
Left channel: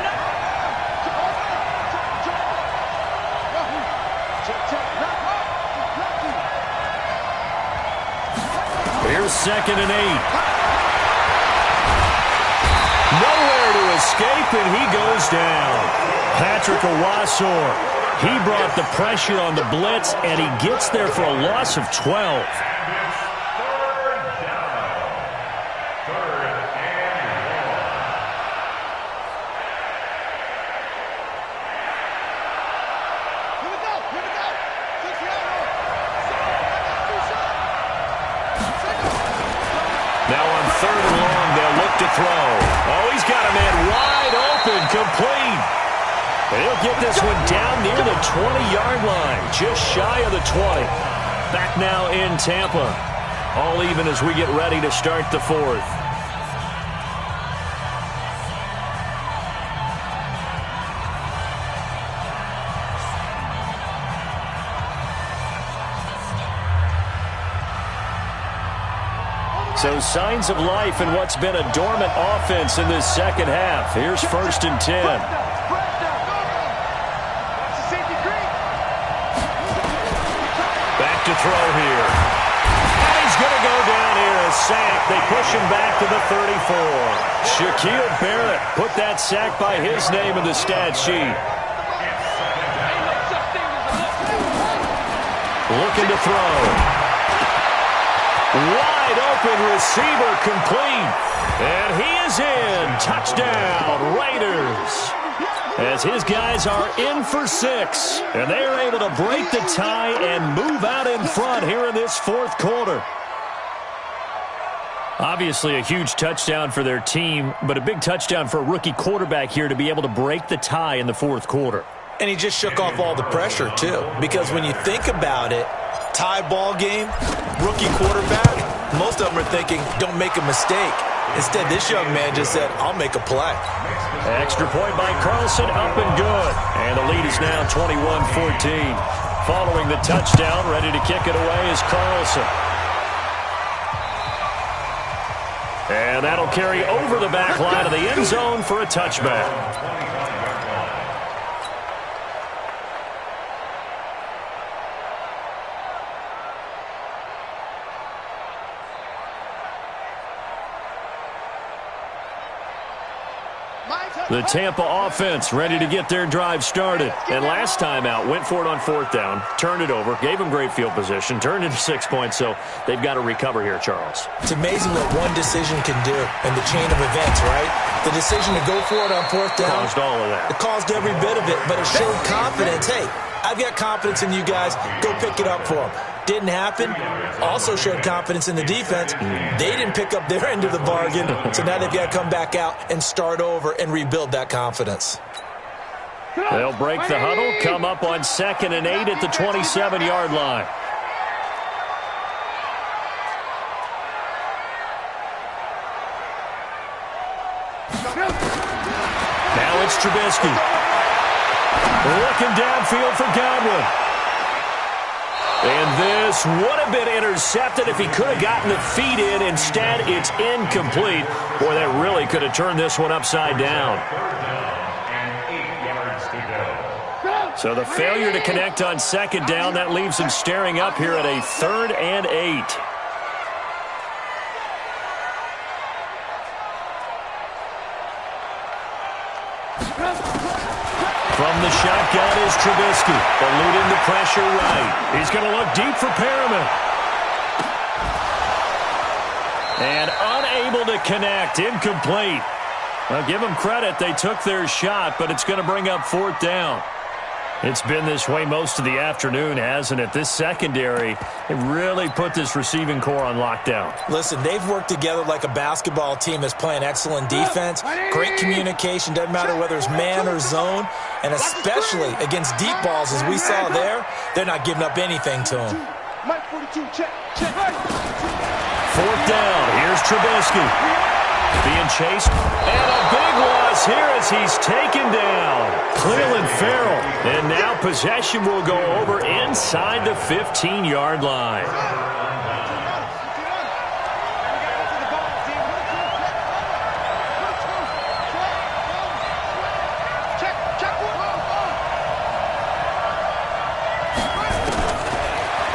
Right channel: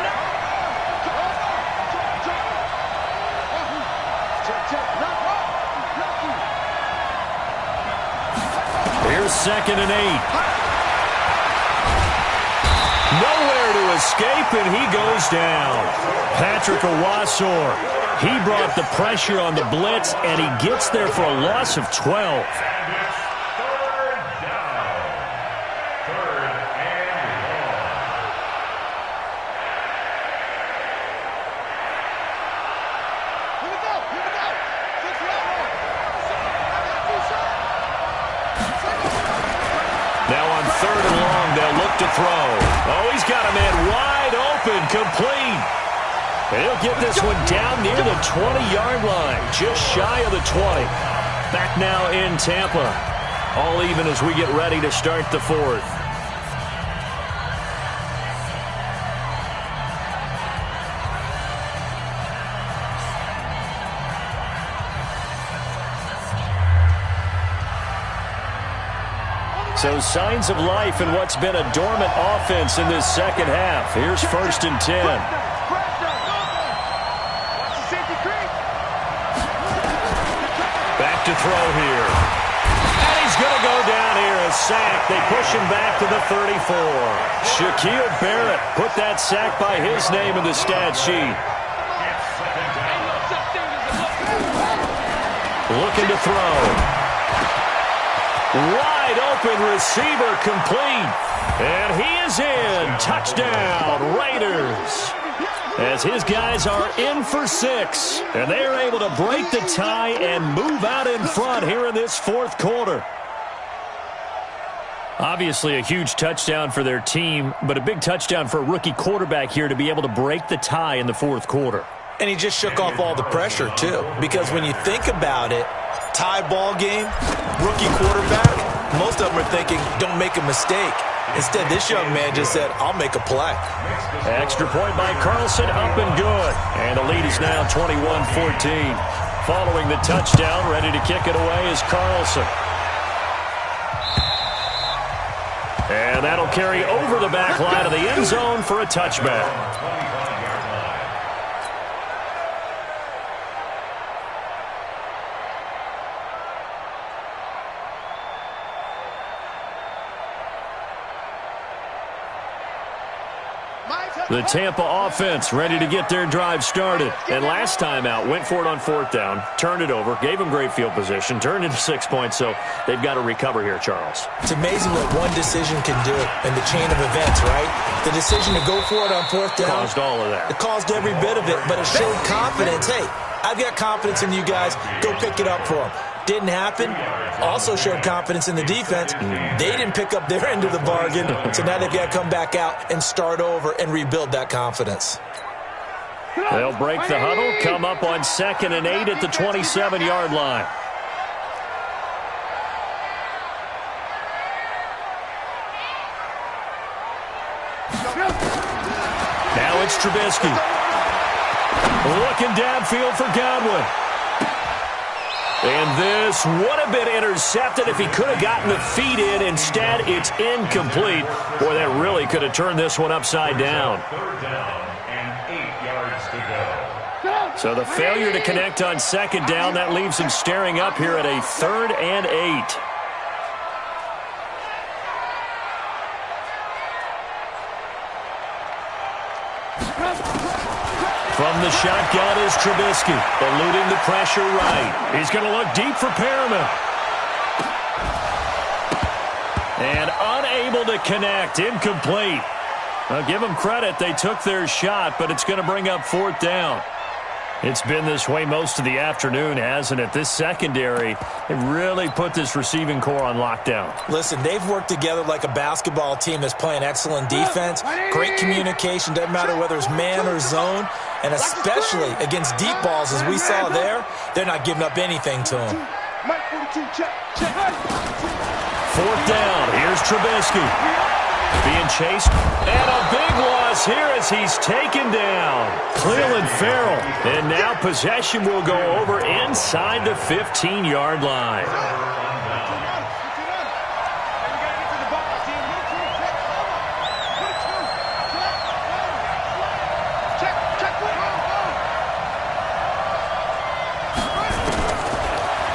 Here's 2nd and 8. Nowhere to escape, and he goes down. Patrick Owasor, he brought the pressure on the blitz, and he gets there for a loss of 12. Now on 3rd and long, they'll look to throw. Oh, he's got a man wide open, complete. And he'll get this one down near the 20-yard line, just shy of the 20. Back now in Tampa. All even as we get ready to start the 4th. So signs of life in what's been a dormant offense in this second half. Here's 1st and 10. Back to throw here. And he's going to go down here, a sack. They push him back to the 34. Shaquille Barrett put that sack by his name in the stat sheet. Looking to throw. Wide open receiver complete. And he is in. Touchdown, Raiders. As his guys are in for 6. And they are able to break the tie and move out in front here in this fourth quarter. Obviously a huge touchdown for their team, but a big touchdown for a rookie quarterback here to be able to break the tie in the fourth quarter. And he just shook off all the pressure, too. Because when you think about it, tie ball game, rookie quarterback, most of them are thinking, don't make a mistake. Instead, this young man just said, I'll make a play. Extra point by Carlson, up and good. And the lead is now 21-14. Following the touchdown, ready to kick it away is Carlson. And that'll carry over the back line of the end zone for a touchback. The Tampa offense ready to get their drive started. And last time out, went for it on fourth down, turned it over, gave them great field position, turned into 6 points, so they've got to recover here, Charles. It's amazing what one decision can do in the chain of events, right? The decision to go for it on fourth down. Caused all of that. It caused every bit of it, but it showed confidence. Hey, I've got confidence in you guys. Go pick it up for them. Didn't happen. Also showed confidence in the defense. They didn't pick up their end of the bargain, so now they've got to come back out and start over and rebuild that confidence. They'll break the huddle, come up on 2nd and 8 at the 27-yard line. Now it's Trubisky. Looking downfield for Godwin. And this would have been intercepted if he could have gotten the feet in. Instead, it's incomplete. Boy, that really could have turned this one upside down. 3rd down and 8 yards to go. So the failure to connect on 2nd down, that leaves him staring up here at a 3rd and 8. From the shotgun is Trubisky, eluding the pressure right. He's going to look deep for Perriman. And unable to connect, incomplete. I'll give them credit, they took their shot, but it's going to bring up 4th down. It's been this way most of the afternoon, hasn't it? This secondary, they really put this receiving core on lockdown. Listen, they've worked together like a basketball team that's playing excellent defense, great communication, doesn't matter whether it's man or zone, and especially against deep balls as we saw there, they're not giving up anything to them. 4th down, here's Trubisky. Being chased, and a big loss here as he's taken down. Cleveland Farrell, and now possession will go over inside the 15-yard line.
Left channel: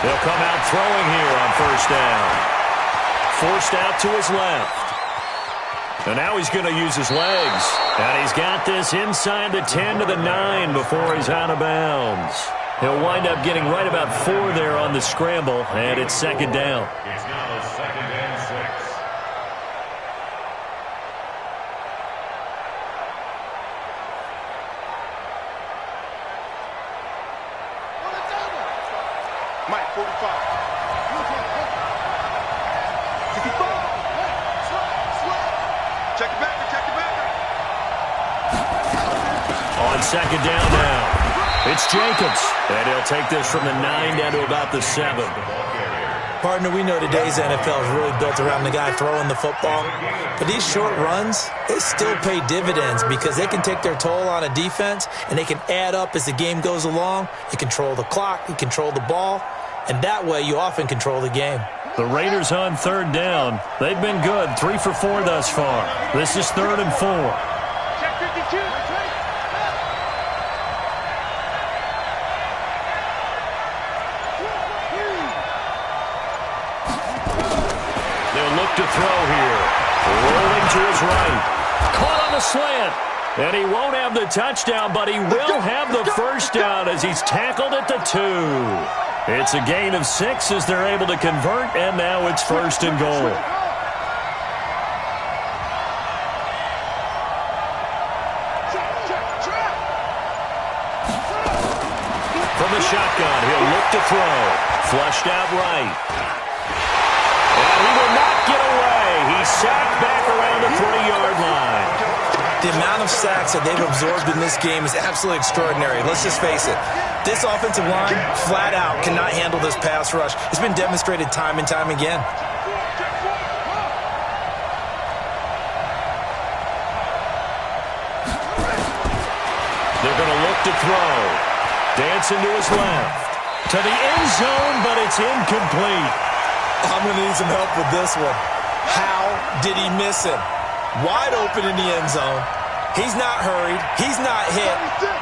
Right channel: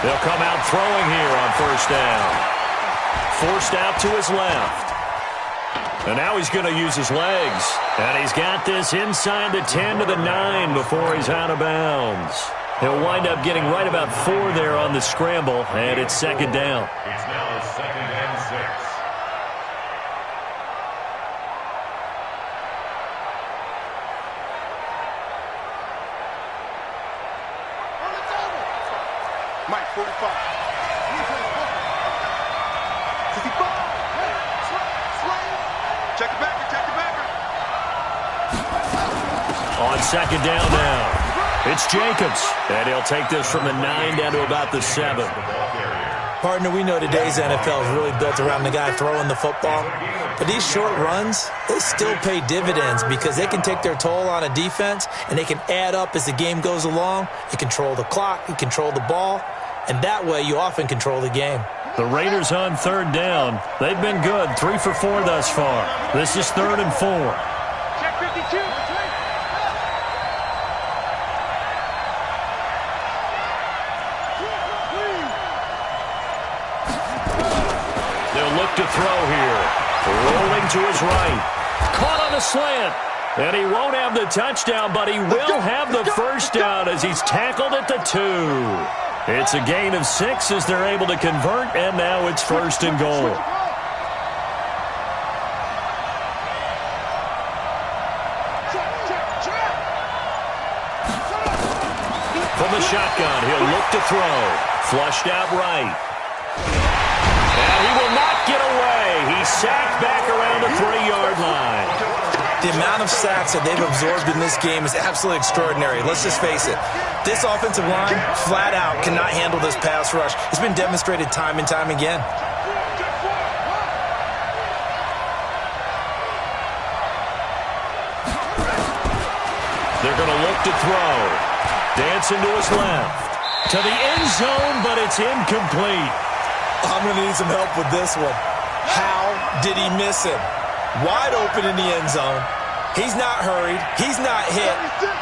They'll come out throwing here on 1st down. Forced out to his left. And now he's going to use his legs. And he's got this inside the 10 to the 9 before he's out of bounds. He'll wind up getting right about 4 there on the scramble, and it's 2nd down. It's now 2nd and 6. Mike, 45. 65. Check the backer, check the backer. On 2nd down now, it's Jacobs. And he'll take this from the 9 down to about the 7. Partner, we know today's NFL is really built around the guy throwing the football. But these short runs, they still pay dividends because they can take their toll on a defense, and they can add up as the game goes along. You control the clock, you control the ball, and that way you often control the game. The Raiders on 3rd down. They've been good, 3 for 4 thus far. This is 3rd and 4. Check 52. look to throw here. Rolling to his right. Caught on the slant. And he won't have the touchdown, but he will have the first down as he's tackled at the 2. It's a gain of 6 as they're able to convert, and now it's 1st and goal. From the shotgun, he'll look to throw. Flushed out right. And he will not get away. He's sacked back around the 3-yard line. The amount of sacks that they've absorbed in this game is absolutely extraordinary. Let's just face it. This offensive line, flat out, cannot handle this pass rush. It's been demonstrated time and time again. They're going to look to throw. Dancing to his left. To the end zone, but it's incomplete. I'm going to need some help with this one. How did he miss him? Wide open in the end zone. He's not hurried. He's not hit.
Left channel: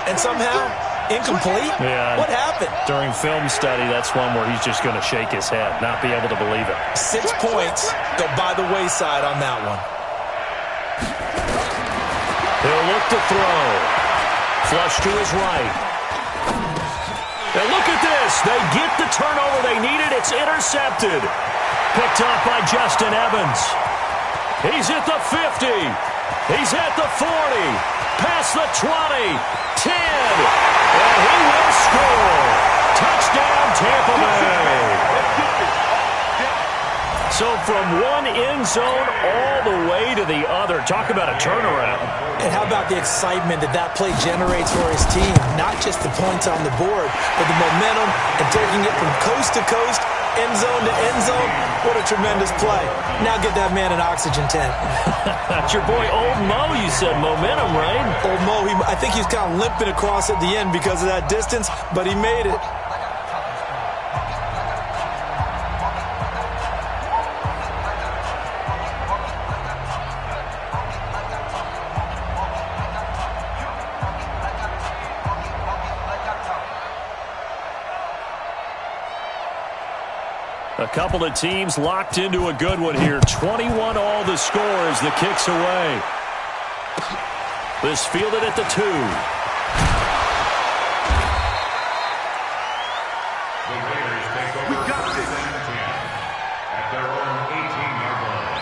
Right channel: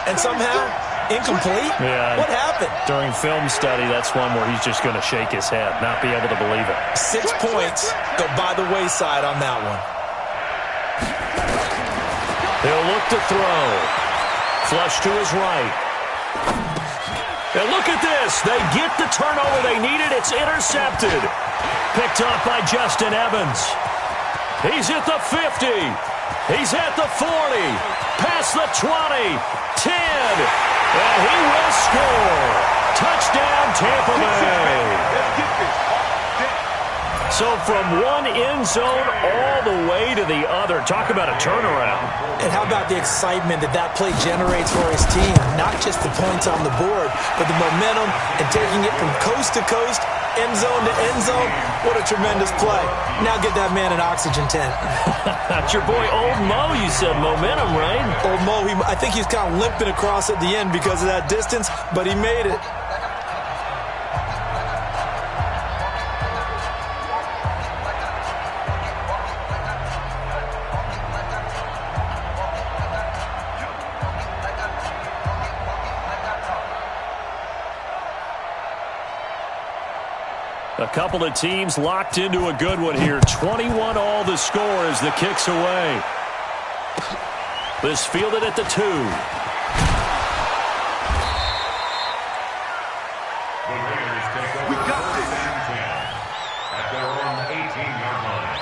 And somehow, incomplete? Yeah. What happened? During film study, that's one where he's just going to shake his head, not be able to believe it. 6 points go by the wayside on that one. He'll look to throw. Flush to his right. And look at this. They get the turnover they needed. It's intercepted. Picked off by Justin Evans. He's at the 50. He's at the 40. Past the 20. 10. And he will score. Touchdown, Tampa Bay. So from one end zone all the way to the other. Talk about a turnaround. And how about the excitement that play generates for his team? Not just the points on the board, but the momentum and taking it from coast to coast, end zone to end zone. What a tremendous play. Now get that man an oxygen tent. That's your boy Old Mo, you said. Momentum, right? Old Mo, I think he's kind of limping across at the end because of that distance, but he made it. A couple of teams locked into a good one here. 21 all the score as the kick's away. This fielded at the 2. The Raiders take over. We got this. At their own 18-yard line.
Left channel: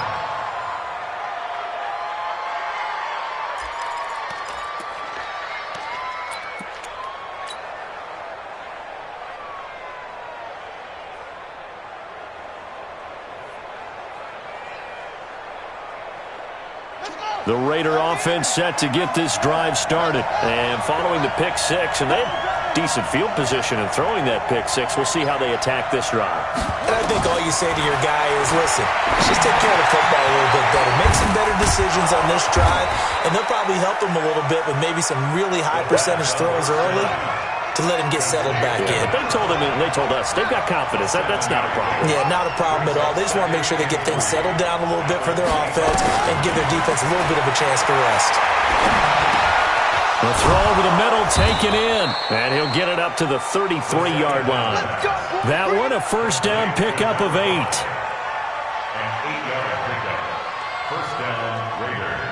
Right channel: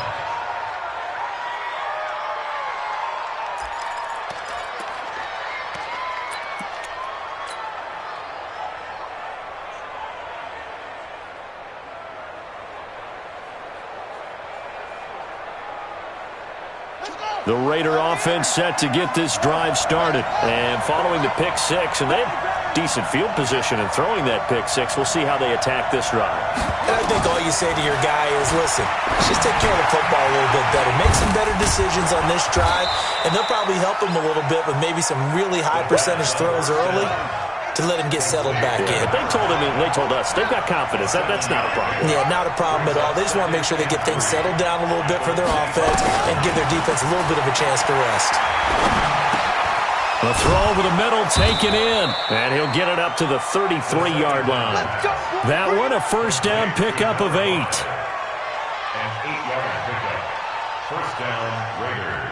The Raider offense set to get this drive started. And following the pick 6, and they have decent field position in throwing that pick 6. We'll see how they attack this drive. And I think all you say to your guy is, listen, let's just take care of the football a little bit better. Make some better decisions on this drive, and they'll probably help him a little bit with maybe some really high percentage throws early to let him get settled back in. But they told him, and they told us, they've got confidence. That's not a problem. Yeah, not a problem at all. They just want to make sure they get things settled down a little bit for their offense and give their defense a little bit of a chance to rest. The throw over the middle taken in, and he'll get it up to the 33-yard line. That one a first down pickup of 8. An 8-yard pickup. First down, Raiders.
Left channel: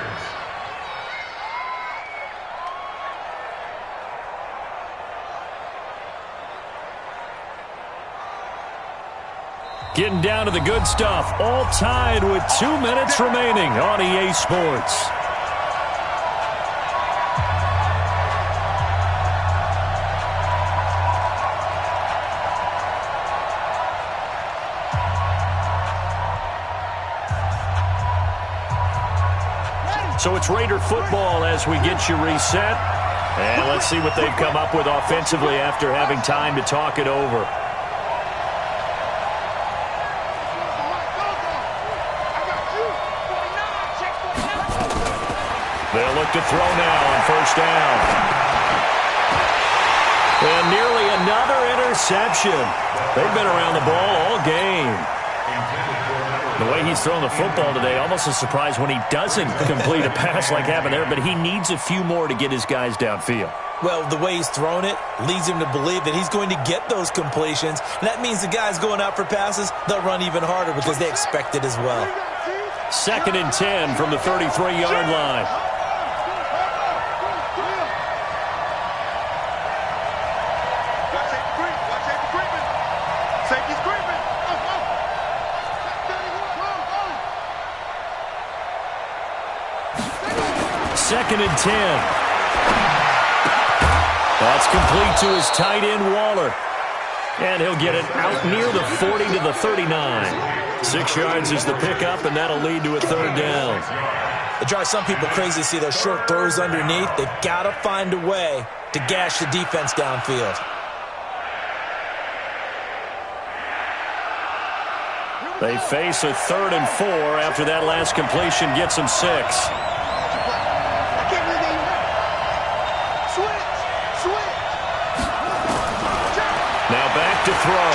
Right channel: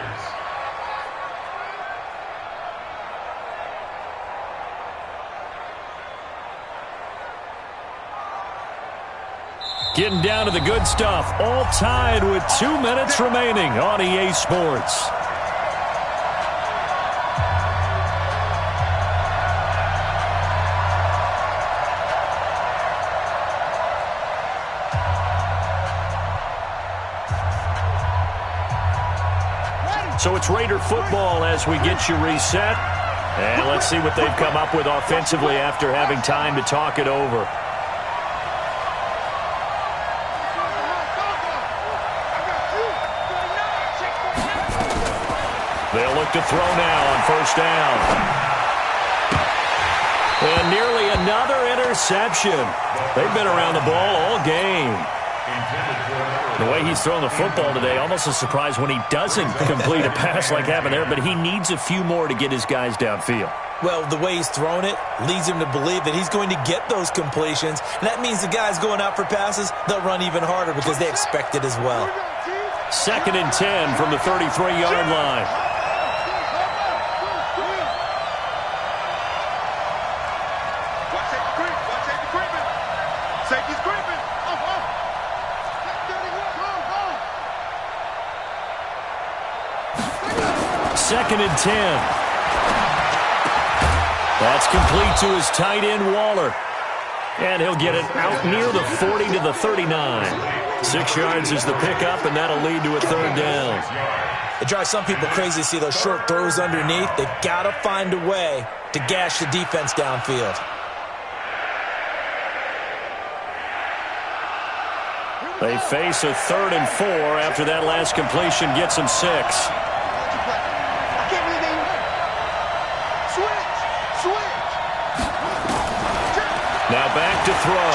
Getting down to the good stuff. All tied with 2 minutes remaining on EA Sports. So it's Raider football as we get you reset. And let's see what they've come up with offensively after having time to talk it over. They'll look to throw now on first down. And nearly another interception. They've been around the ball all game. The way he's thrown the football today, almost a surprise when he doesn't complete a pass like happened there, but he needs a few more to get his guys downfield. Well, the way he's thrown it leads him to believe that he's going to get those completions. And that means the guys going out for passes, they'll run even harder because they expect it as well. 2nd and 10 from the 33-yard line. Watch safety creep. Watch safety creeping. Safety's creeping. Check 31. 2nd and 10. That's complete to his tight end, Waller. And he'll get it out near the 40 to the 39. 6 yards is the pickup, and that'll lead to a 3rd down. It drives some people crazy to see those short throws underneath. They've got to find a way to gash the defense downfield. They face a 3rd and 4 after that last completion gets them 6. Now back to throw.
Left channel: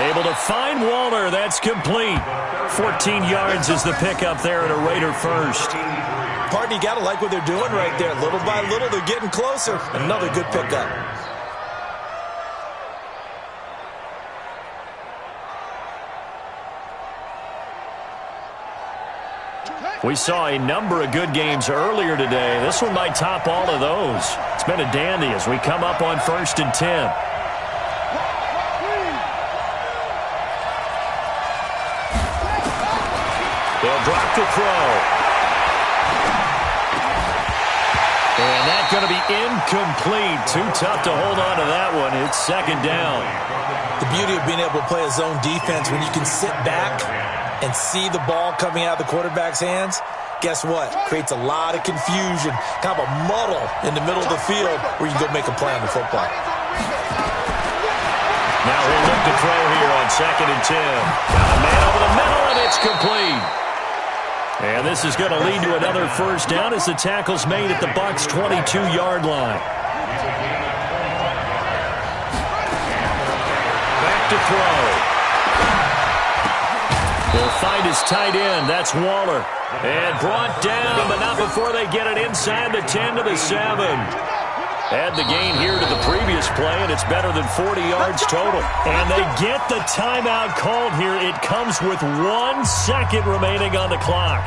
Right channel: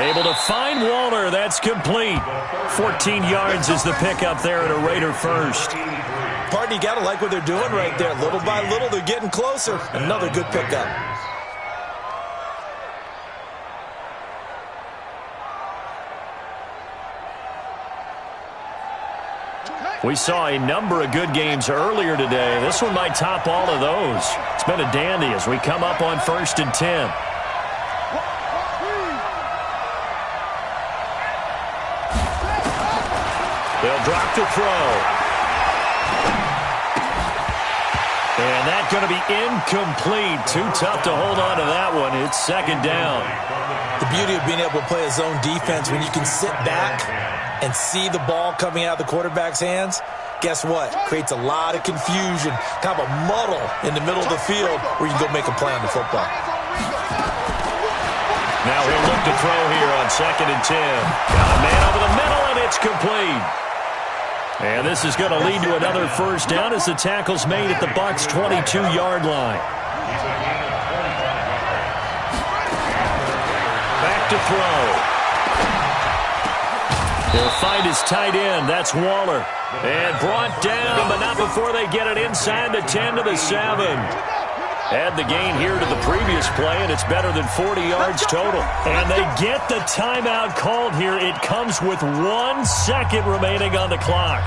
Able to find Waller. That's complete. 14 yards is the pickup there at a Raider first. Partner, you got to like what they're doing right there. Little by little, they're getting closer. Another good pickup. We saw a number of good games earlier today. This one might top all of those. It's been a dandy as we come up on 1st and 10. They'll drop to throw. And that's going to be incomplete. Too tough to hold on to that one. It's 2nd down. The beauty of being able to play a zone defense when you can sit back and see the ball coming out of the quarterback's hands, guess what? Creates a lot of confusion, kind of a muddle in the middle of the field where you can go make a play on the football. Now he'll look to throw here on 2nd and 10. Got a man over the middle, and it's complete. And this is going to lead to another 1st down as the tackle's made at the Bucs' 22-yard line. Back to throw. He'll find his tight end. That's Waller. And brought down, but not before they get it inside the 10 to the 7. Add the gain here to the previous play, and it's better than 40 yards total. And they get the timeout called here. It comes with 1 second remaining on the clock.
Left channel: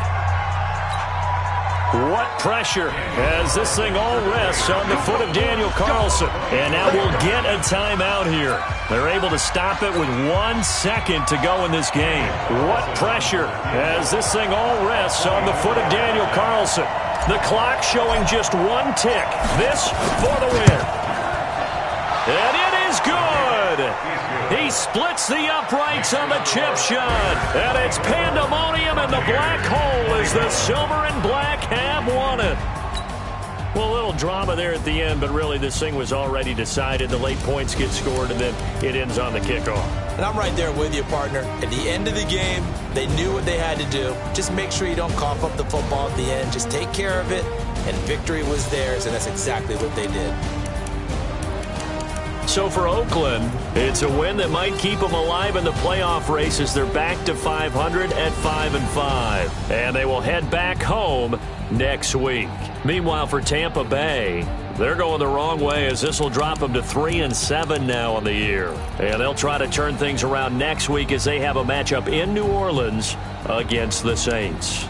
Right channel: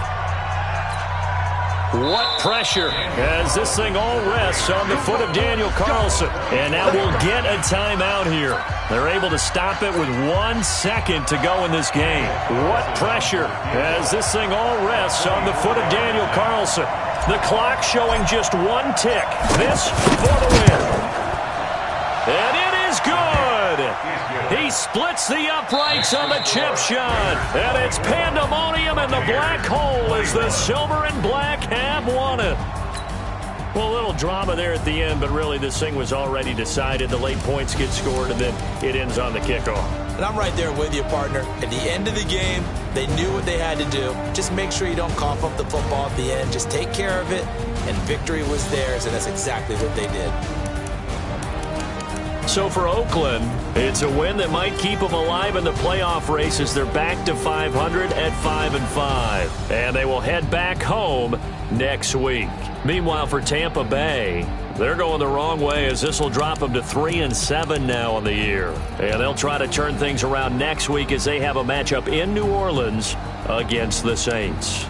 What pressure as this thing all rests on the foot of Daniel Carlson. And now we'll get a timeout here. They're able to stop it with 1 second to go in this game. What pressure as this thing all rests on the foot of Daniel Carlson. The clock showing just 1 tick. This for the win. And it is good. He splits the uprights on the chip shot. And it's pandemonium in the black hole as the silver and black have won it. Well, a little drama there at the end, but really this thing was already decided. The late points get scored, and then it ends on the kickoff. And I'm right there with you, partner. At the end of the game, they knew what they had to do. Just make sure you don't cough up the football at the end. Just take care of it, and victory was theirs, and that's exactly what they did. So for Oakland, it's a win that might keep them alive in the playoff race as they're back to 500 at 5-5. And they will head back home next week. Meanwhile, for Tampa Bay, they're going the wrong way as this will drop them to 3-7 now on the year. And they'll try to turn things around next week as they have a matchup in New Orleans against the Saints.